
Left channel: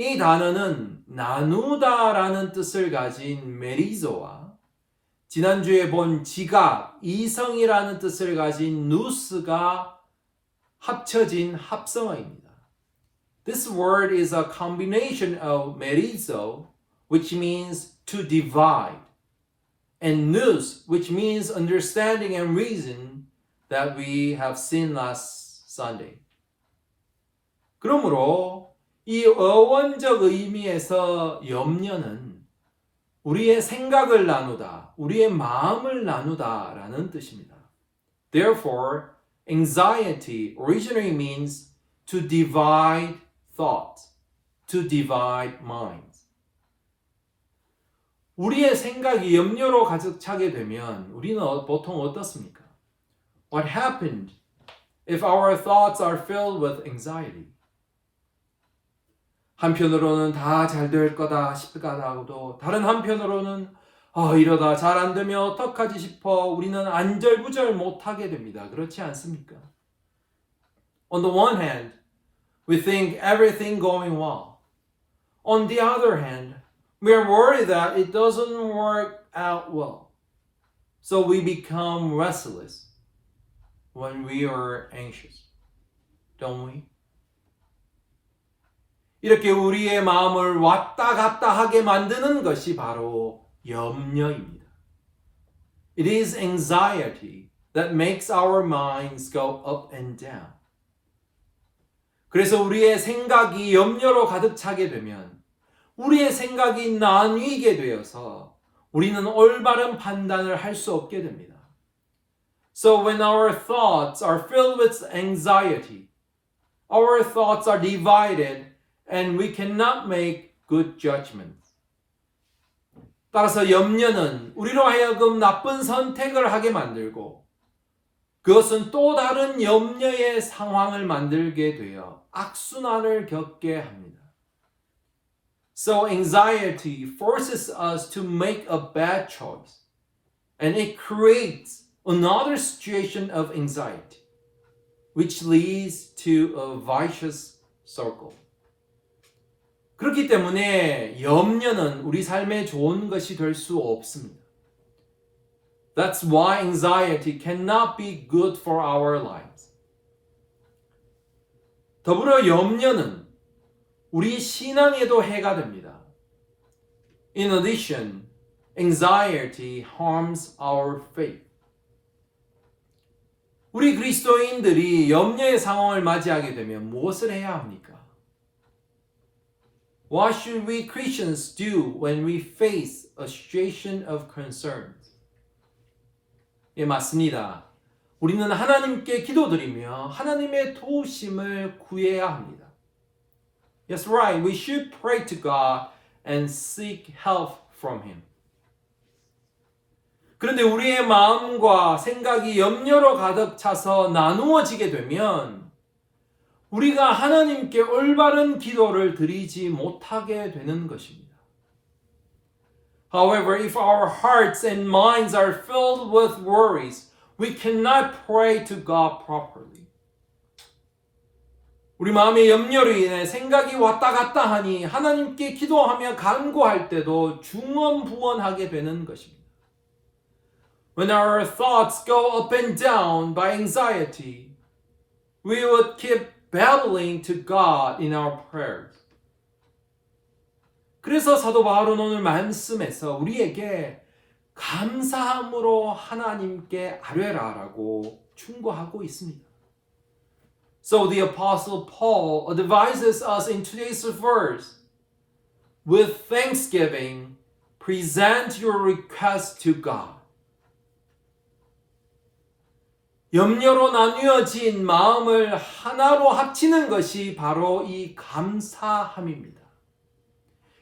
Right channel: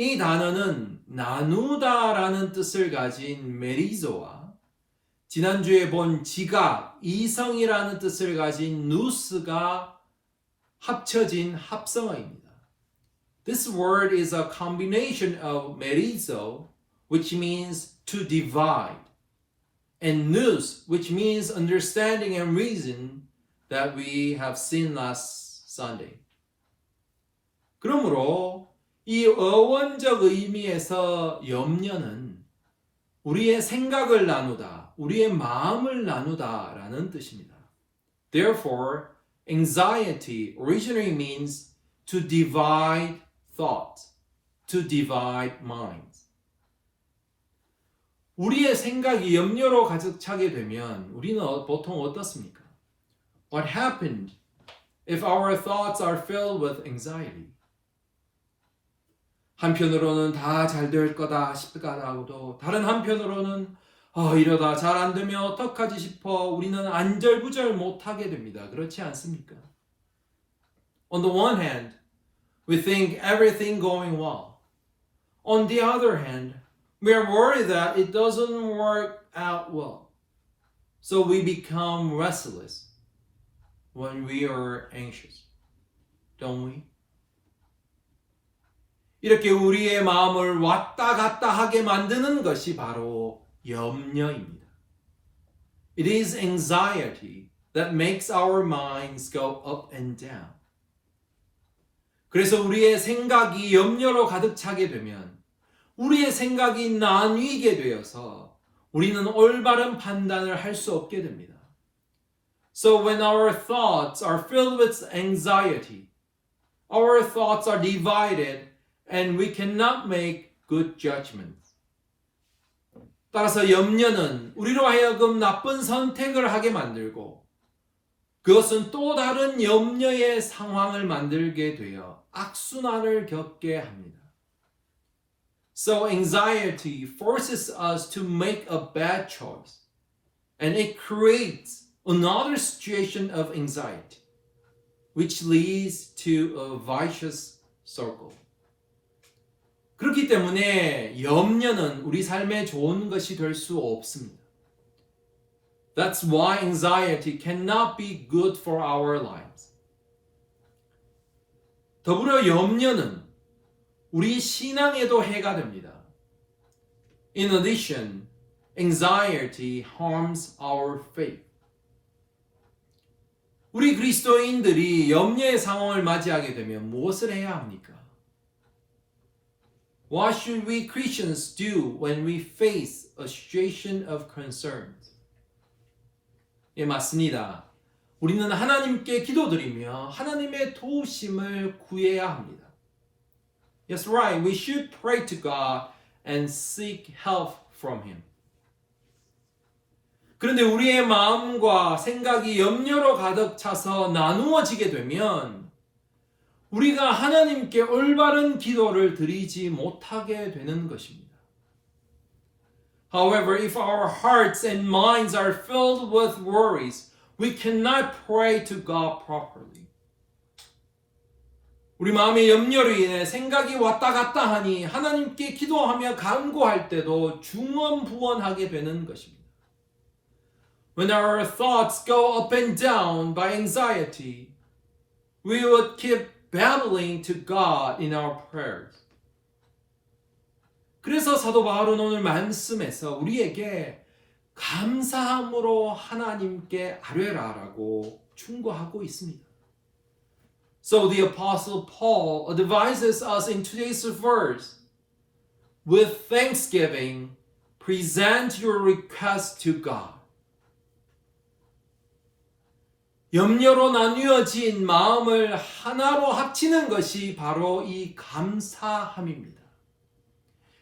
이 단어는 나누다라는 뜻을 가진 메리조와 지난주에 본 지각, 이성이라는 뜻을 가진 누스가 합쳐진 합성어입니다. This word is a combination of merizo, which means to divide, and nous, which means understanding and reason that we have seen last Sunday. 그러므로 이 어원적 의미에서 염려는 우리의 생각을 나누다, 우리의 마음을 나누다라는 뜻입니다. Therefore, anxiety originally means to divide thought, to divide minds. 우리의 생각이 염려로 가득 차게 되면 우리는 보통 어떻습니까? What happened if our thoughts are filled with anxiety? 한편으로는 다 잘 될 거다 싶다가도 다른 한편으로는 이러다 잘 안 되면 어떡하지 싶어 우리는 안절부절 못하게 됩니다. 그렇지 않습니까? On the one hand, we think everything going well. On the other hand, we are worried that it doesn't work out well. So we become restless when we are anxious. Don't we? 이렇게 우리의 마음을 왔다 갔다 하게 만드는 것이 바로 염려입니다. It is anxiety that makes our minds go up and down. 그래서 우리의 생각이 염려로 가득 차게 되면 우리의 생각이 나뉘게 되어서 우리는 올바른 판단을 할 수 없게 됩니다. So when our thoughts are filled with anxiety, our thoughts are divided and we cannot make good judgments. 따라서 염려는 우리로 하여금 나쁜 선택을 하게 만들고 그것은 또 다른 염려의 상황을 만들게 되어 악순환을 겪게 합니다. So anxiety forces us to make a bad choice and it creates another situation of anxiety which leads to a vicious circle. 그렇기 때문에 염려는 우리 삶에 좋은 것이 될 수 없습니다. That's why anxiety cannot be good for our lives. 더불어 염려는 우리 신앙에도 해가 됩니다. In addition, anxiety harms our faith. 우리 그리스도인들이 염려의 상황을 맞이하게 되면 무엇을 해야 합니까? What should we Christians do when we face a situation of concerns? 예, 맞습니다. 우리는 하나님께 기도드리며 하나님의 도우심을 구해야 합니다. Yes, right. We should pray to God and seek help from Him. 그런데 우리의 마음과 생각이 염려로 가득 차서 나누어지게 되면 우리가 하나님께 올바른 기도를 드리지 못하게 되는 것입니다. However, if our hearts and minds are filled with worries, we cannot pray to God properly. 우리 마음의 염려로 인해 생각이 왔다 갔다 하니 하나님께 기도하며 간구할 때도 중언부언하게 되는 것입니다. When our thoughts go up and down by anxiety, we would keep babbling to God in our prayers. 그래서 사도 바울은 오늘 말씀에서 우리에게 감사함으로 하나님께 아뢰라라고 충고하고 있습니다. So the apostle Paul advises us in today's verse, with thanksgiving, present your request to God. 염려로 나뉘어진 마음을 하나로 합치는 것이 바로 이 감사함입니다.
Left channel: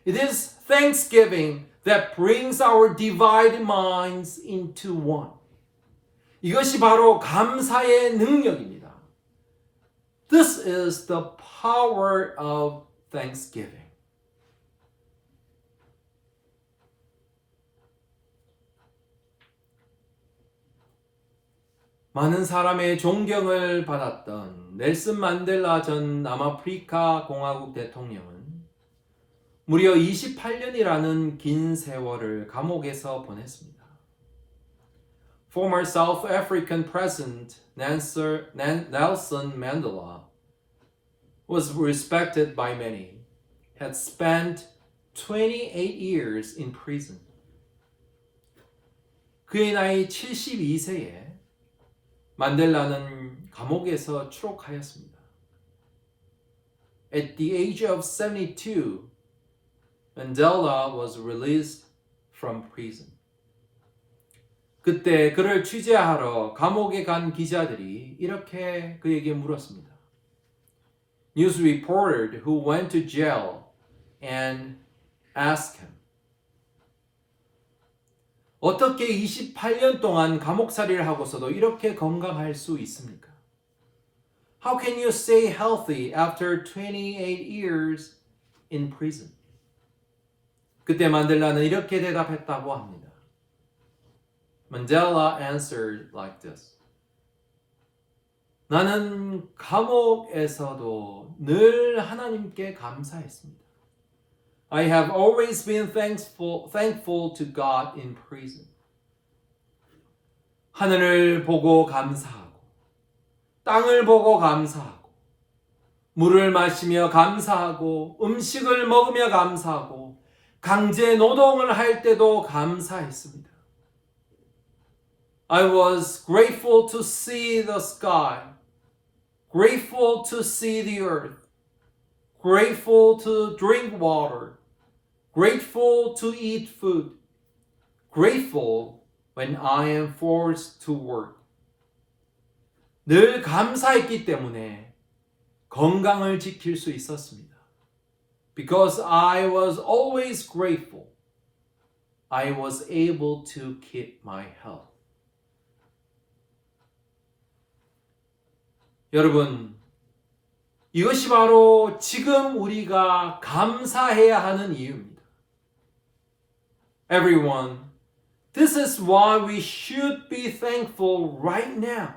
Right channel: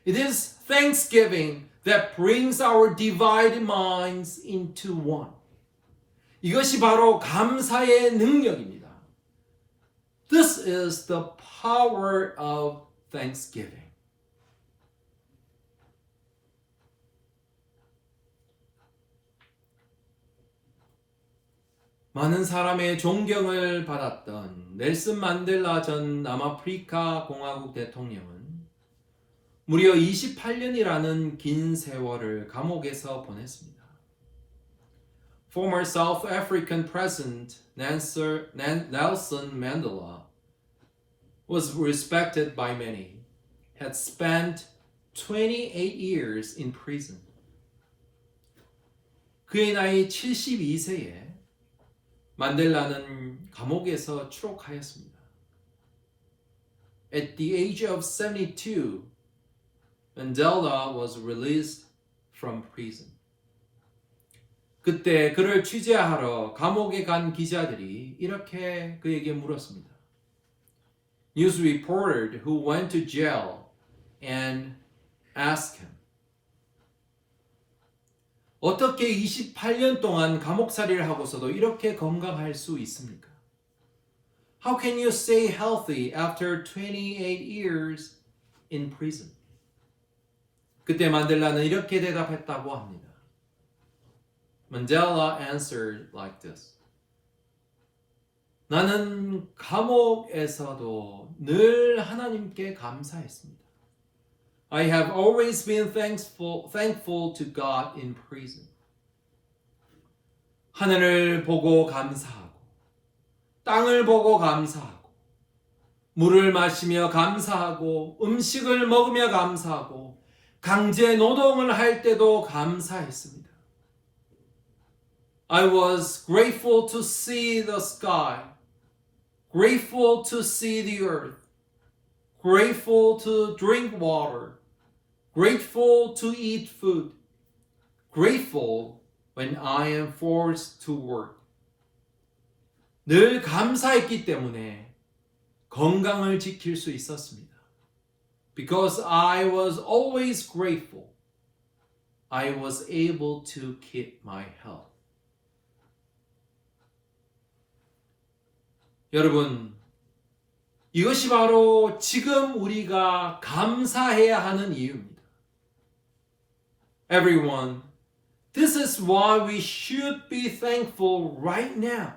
It is thanksgiving that brings our divided minds into one. 이것이 바로 감사의 능력입니다. This is the power of thanksgiving. 많은 사람의 존경을 받았던 넬슨 만델라 전 남아프리카 공화국 대통령은 무려 28년이라는 긴 세월을 감옥에서 보냈습니다. Former South African President Nelson Mandela was respected by many, had spent 28 years in prison. 그의 나이 72세에 만델라는 감옥에서 추록하였습니다. At the age of 72, Mandela was released from prison. 그때 그를 취재하러 감옥에 간 기자들이 이렇게 그에게 물었습니다. News reporter who went to jail and asked him, 어떻게 28년 동안 감옥살이를 하고서도 이렇게 건강할 수 있습니까? How can you stay healthy after 28 years in prison? 그때 만델라는 이렇게 대답했다고 합니다. Mandela answered like this. 나는 감옥에서도 늘 하나님께 감사했습니다. I have always been thankful to God in prison. 하늘을 보고 감사하고, 땅을 보고 감사하고, 물을 마시며 감사하고, 음식을 먹으며 감사하고, 강제 노동을 할 때도 감사했습니다. I was grateful to see the sky, grateful to see the earth, grateful to drink water, grateful to eat food, grateful when I am forced to work. 늘 감사했기 때문에 건강을 지킬 수 있었습니다. Because I was always grateful, I was able to keep my health. 여러분, 이것이 바로 지금 우리가 감사해야 하는 이유입니다. Everyone, this is why we should be thankful right now.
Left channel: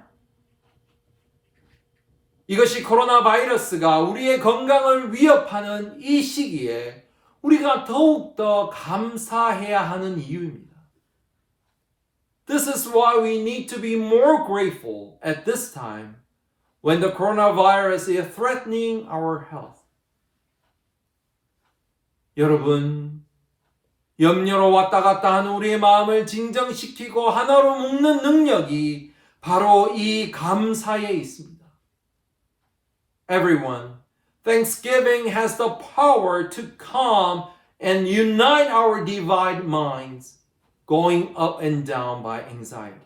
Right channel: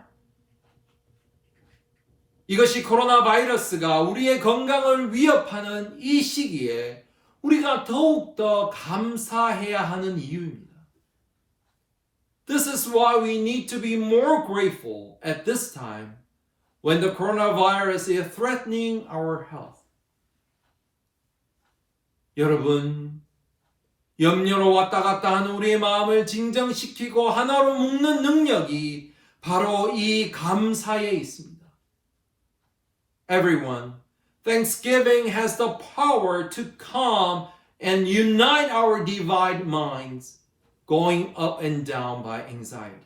이것이 코로나 바이러스가 우리의 건강을 위협하는 이 시기에 우리가 더욱더 감사해야 하는 이유입니다. This is why we need to be more grateful at this time when the coronavirus is threatening our health. 여러분, 염려로 왔다 갔다 하는 우리의 마음을 진정시키고 하나로 묶는 능력이 바로 이 감사에 있습니다. Everyone, Thanksgiving has the power to calm and unite our divided minds, going up and down by anxiety.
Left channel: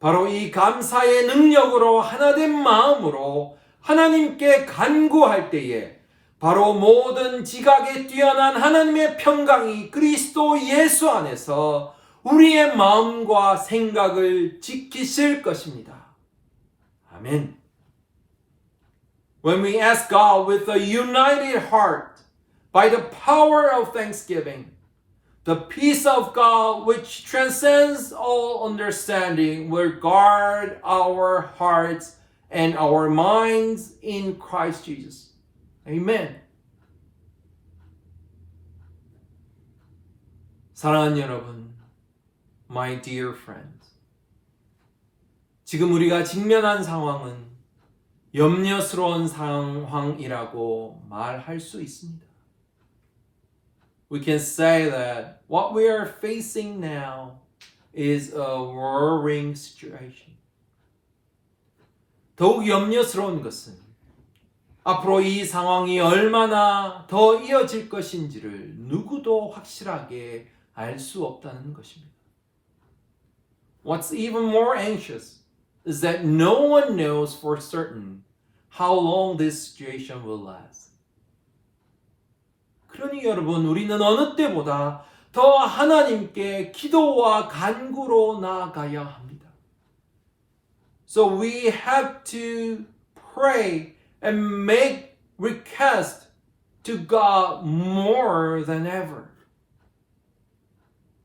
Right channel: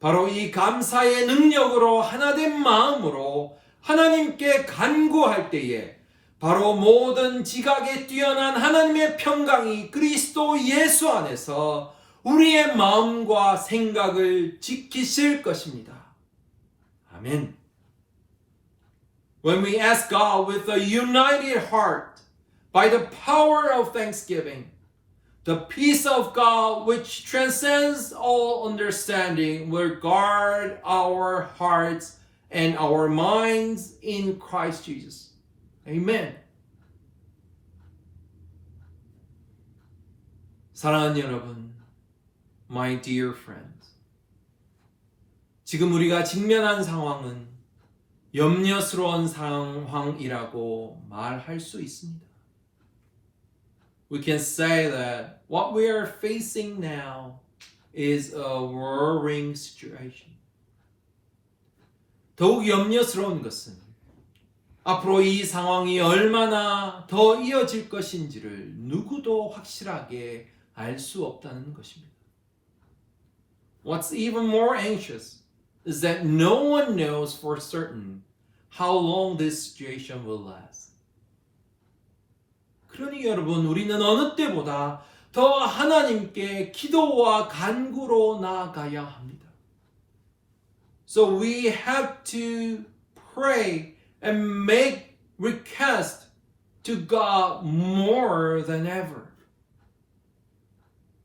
바로 이 감사의 능력으로 하나된 마음으로 하나님께 간구할 때에 바로 모든 지각에 뛰어난 하나님의 평강이 그리스도 예수 안에서 우리의 마음과 생각을 지키실 것입니다. 아멘. When we ask God with a united heart by the power of thanksgiving, the peace of God which transcends all understanding will guard our hearts and our minds in Christ Jesus. Amen. 사랑하는 여러분, my dear friends. 지금 우리가 직면한 상황은 염려스러운 상황이라고 말할 수 있습니다. We can say that what we are facing now is a worrying situation. 더욱 염려스러운 것은 앞으로 이 상황이 얼마나 더 이어질 것인지를 누구도 확실하게 알 수 없다는 것입니다. What's even more anxious is that no one knows for certain how long this situation will last. 그러니 여러분, 우리는 어느 때보다 더 하나님께 기도와 간구로 나아가야 합니다. So we have to pray and make request to God more than ever.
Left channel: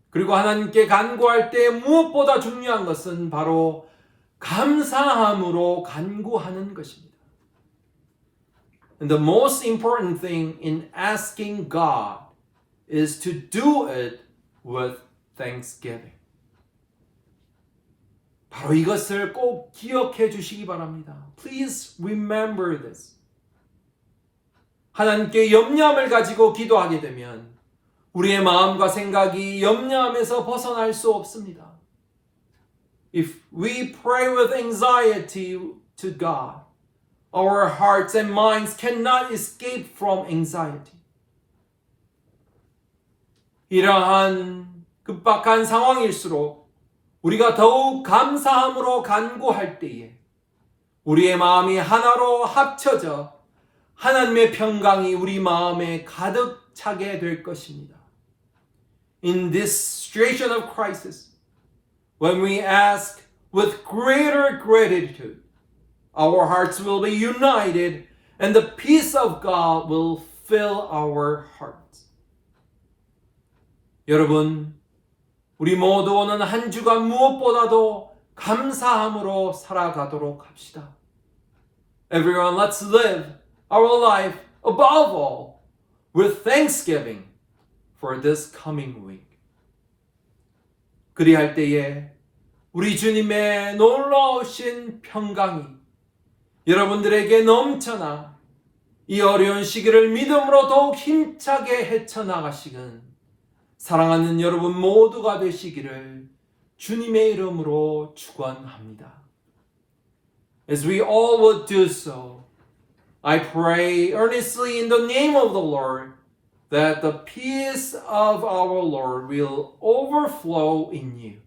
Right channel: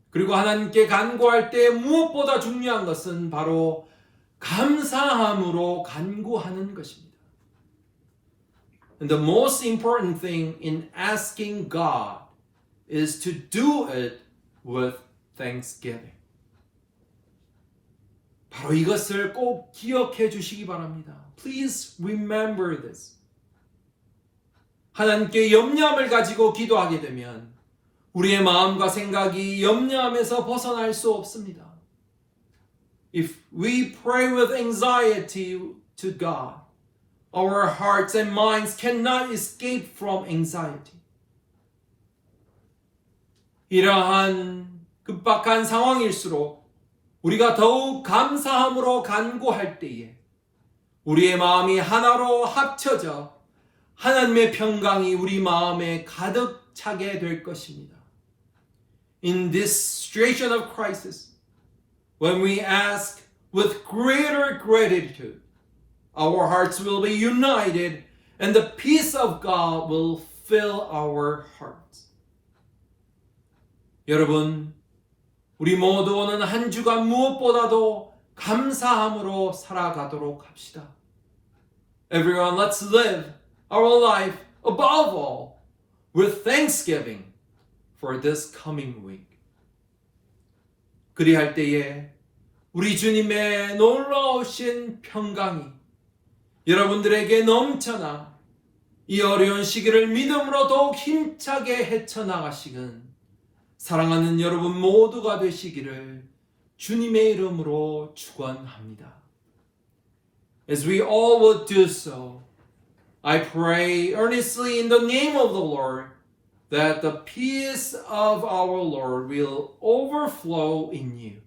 그리고 하나님께 간구할 때 무엇보다 중요한 것은 바로 감사함으로 간구하는 것입니다. And the most important thing in asking God is to do it with thanksgiving. 바로 이것을 꼭 기억해 주시기 바랍니다. Please remember this. 하나님께 염려함을 가지고 기도하게 되면 우리의 마음과 생각이 염려함에서 벗어날 수 없습니다. If we pray with anxiety to God, our hearts and minds cannot escape from anxiety. 이러한 급박한 상황일수록 우리가 더욱 감사함으로 간구할 때에 우리의 마음이 하나로 합쳐져 하나님의 평강이 우리 마음에 가득 차게 될 것입니다. In this situation of crisis, when we ask with greater gratitude, our hearts will be united and the peace of God will fill our hearts. 여러분, 우리 모두 오는 한 주간 무엇보다도 감사함으로 살아가도록 합시다. Everyone, let's live our life above all with thanksgiving for this coming week. 그리할 때에 우리 주님의 놀라우신 평강이 여러분들에게 넘쳐나 이 어려운 시기를 믿음으로 더욱 힘차게 헤쳐나가시는 사랑하는 여러분 모두가 되시기를 주님의 이름으로 축원합니다. As we all would do so, I pray earnestly in the name of the Lord that the peace of our Lord will overflow in you.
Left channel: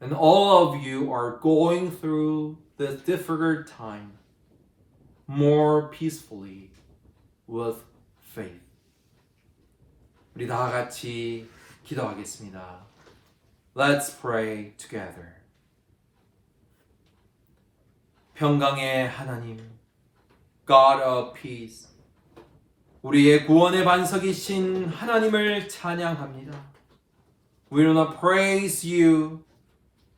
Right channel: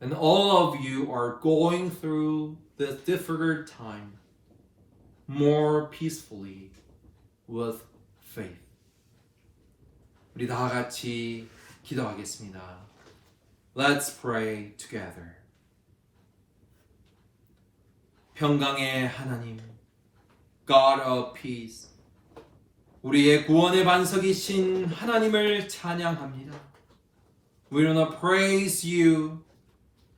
And all of you are going through this difficult time more peacefully with faith. 우리 다 같이 기도하겠습니다. Let's pray together. 평강의 하나님, God of peace, 우리의 구원의 반석이신 하나님을 찬양합니다. We wanna praise you,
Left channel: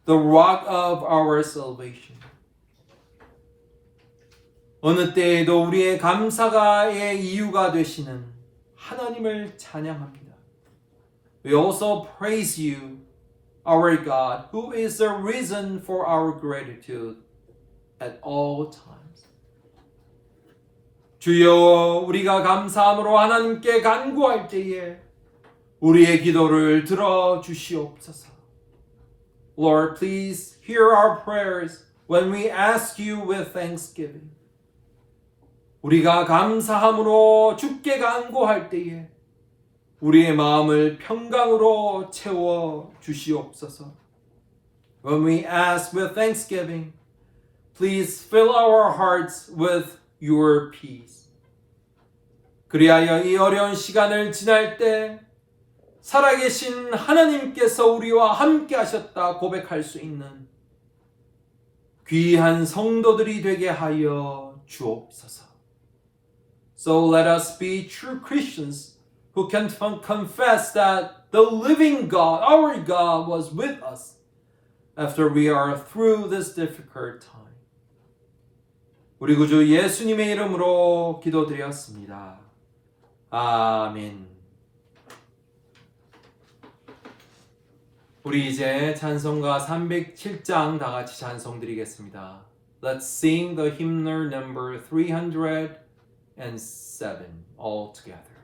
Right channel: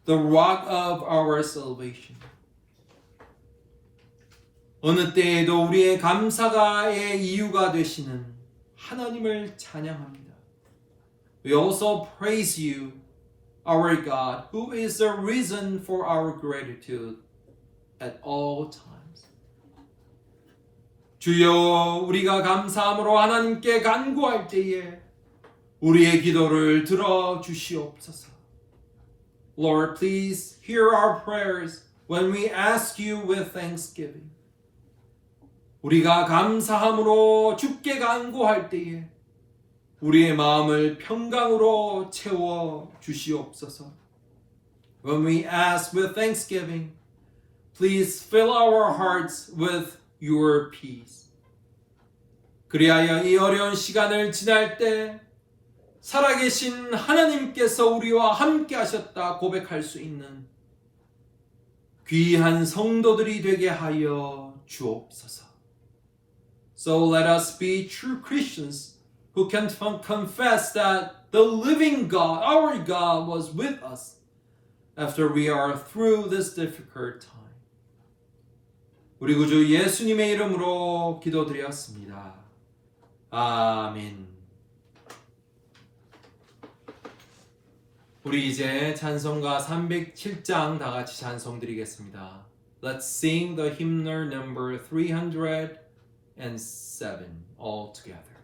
the rock of our salvation. 어느 때에도 우리의 감사가의 이유가 되시는 하나님을 찬양합니다. We also praise you, our God, who is the reason for our gratitude at all times. 주여, 우리가 감사함으로 하나님께 간구할 때에 우리의 기도를 들어주시옵소서. Lord, please hear our prayers when we ask you with thanksgiving. 우리가 감사함으로 주께 간구할 때에 우리의 마음을 평강으로 채워 주시옵소서. When we ask with thanksgiving, please fill our hearts with your peace. 그리하여 이 어려운 시간을 지날 때 살아계신 하나님께서 우리와 함께 하셨다 고백할 수 있는 귀한 성도들이 되게 하여 주옵소서. So let us be true Christians who can confess that the living God, our God, was with us after we are through this difficult time. 우리 구주 예수님의 이름으로 기도드렸습니다. 아멘. 우리 이제 찬송가 307장 다 같이 찬송 드리겠습니다. Let's sing the hymnal number 307 all together.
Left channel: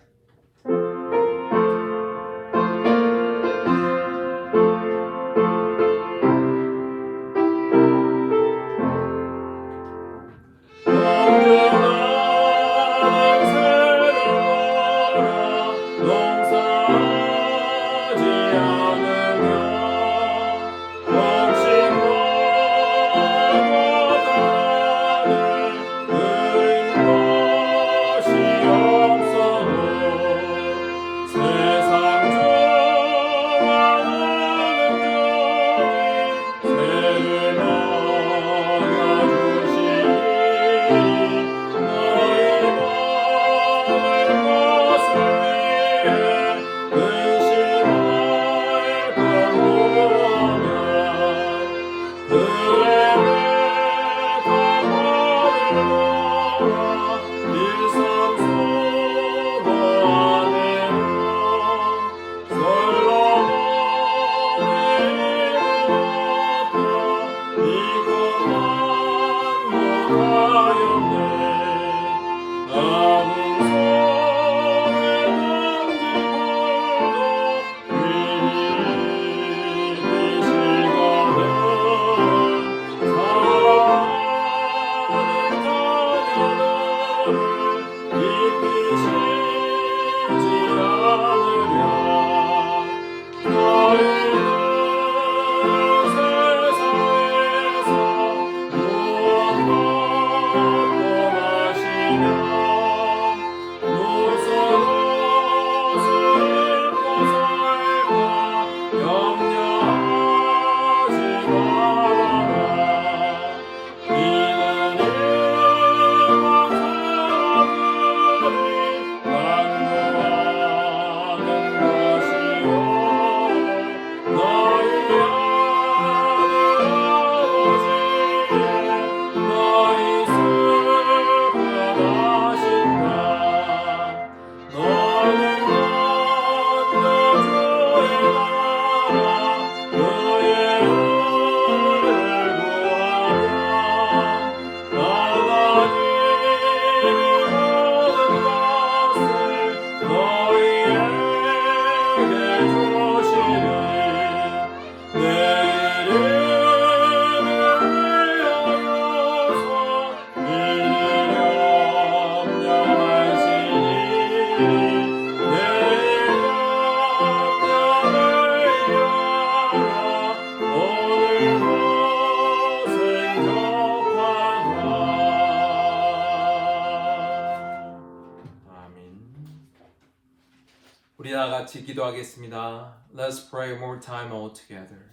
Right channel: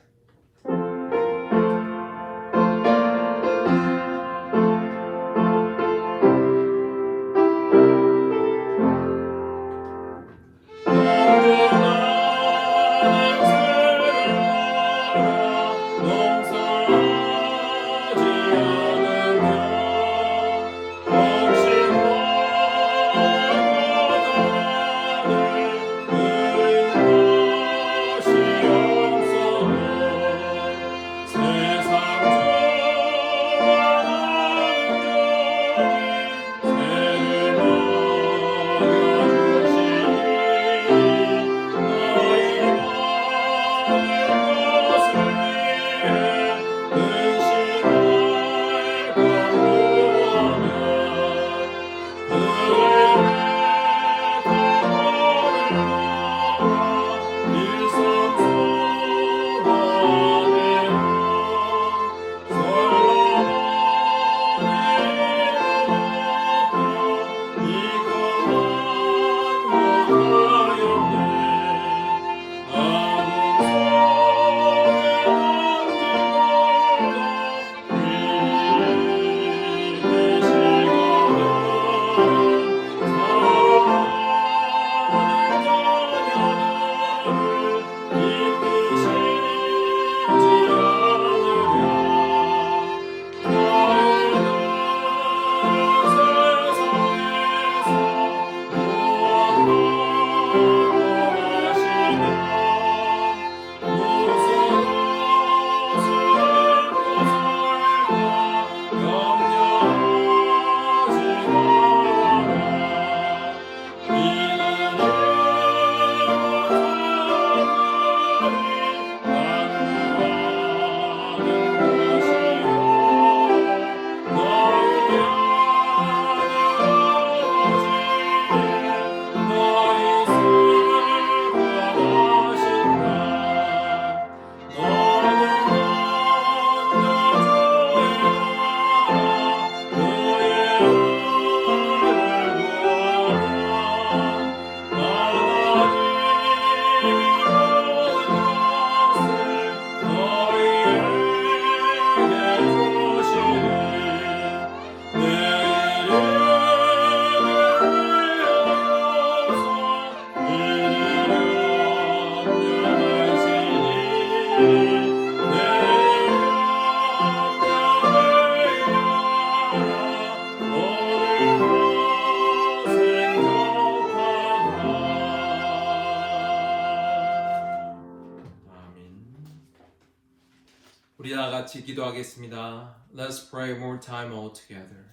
우리 다 같이 기도하겠습니다. Let's pray more time all together.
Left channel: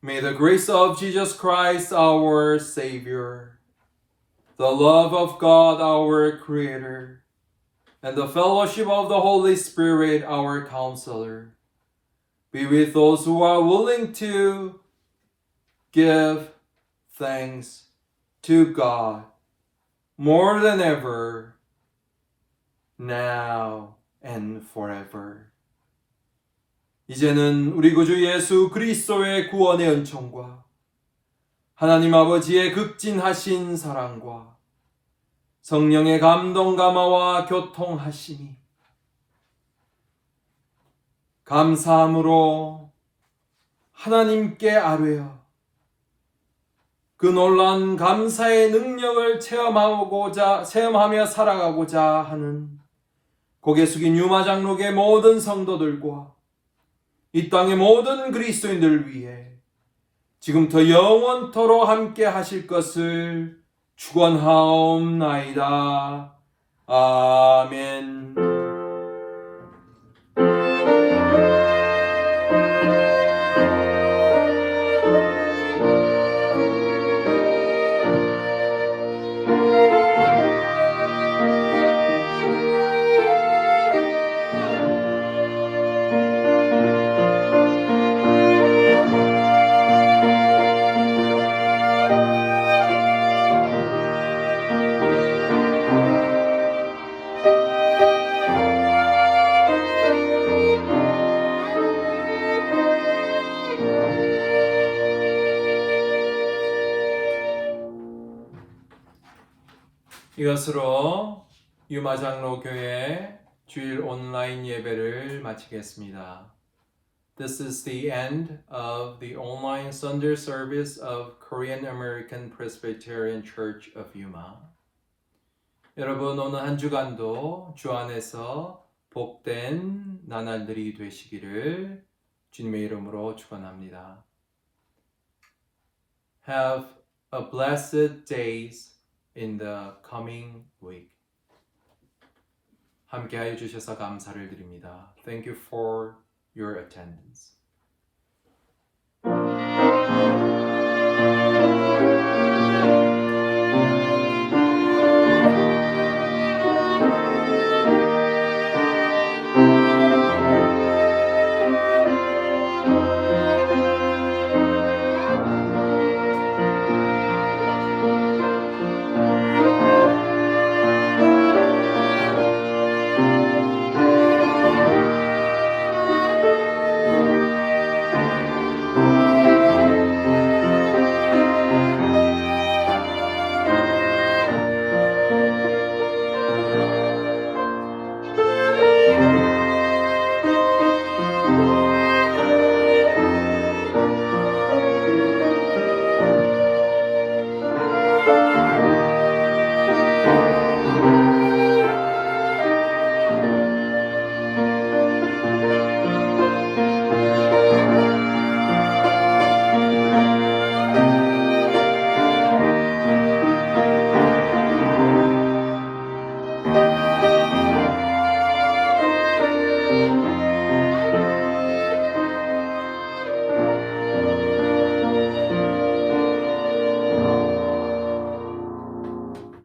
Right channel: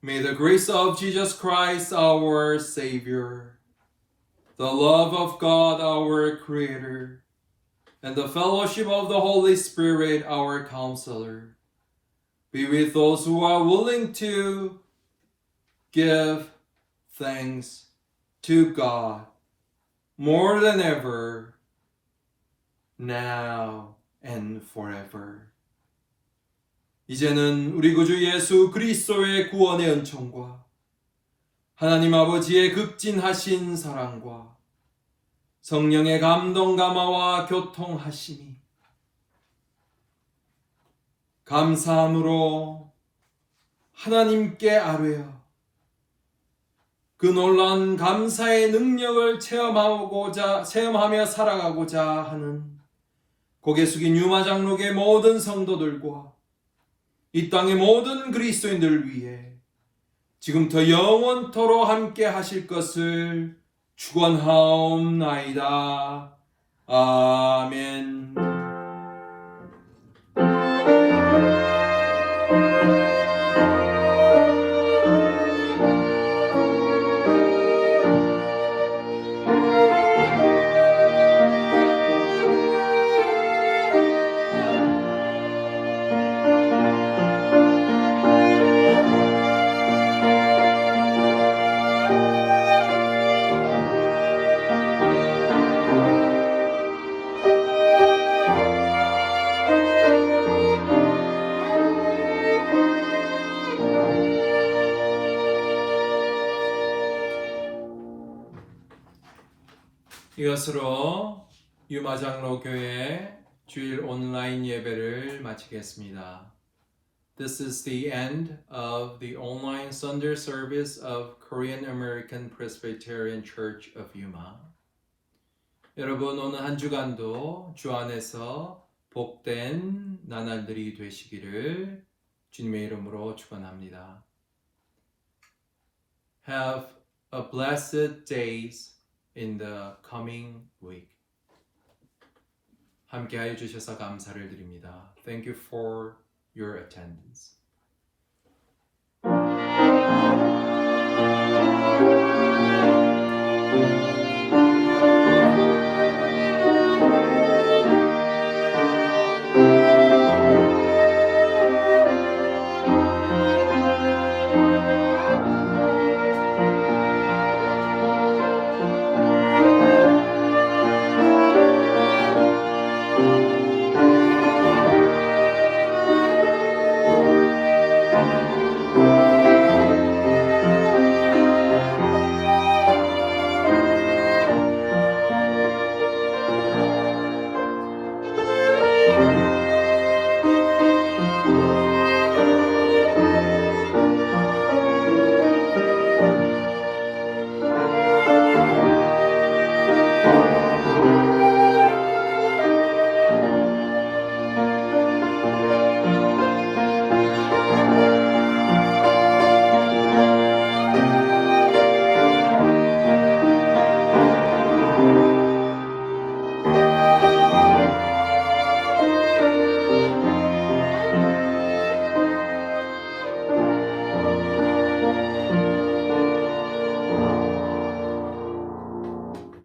May the grace of Jesus Christ, our Savior, the love of God, our Creator, and the fellowship of the Holy Spirit, our Counselor, be with those who are willing to give thanks to God more than ever, now and forever. 이제는 우리 구주 예수 그리스도의 구원의 은총과 하나님 아버지의 극진하신 사랑과 성령의 감동 감화와 교통하심이 감사함으로 하나님께 아뢰어 그 놀라운 감사의 능력을 체험하며 살아가고자 하는 고개 숙인 유마 장로교의 모든 성도들과 이 땅의 모든 그리스도인들 위해 지금부터 영원토록 함께 하실 것을 축원하옵나이다. 아멘. 이것으로 유마장로교회 주일 온라인 예배를 마치겠습니다. This is the end of the online Sunday service of Korean American Presbyterian Church of Yuma. 여러분 오늘 한 주간도 주 안에서 복된 나날들이 되시기를 주님의 이름으로 축원합니다. Have a blessed days in the coming week. 함께하여 주셔서 감사를 드립니다. Thank you for your attendance.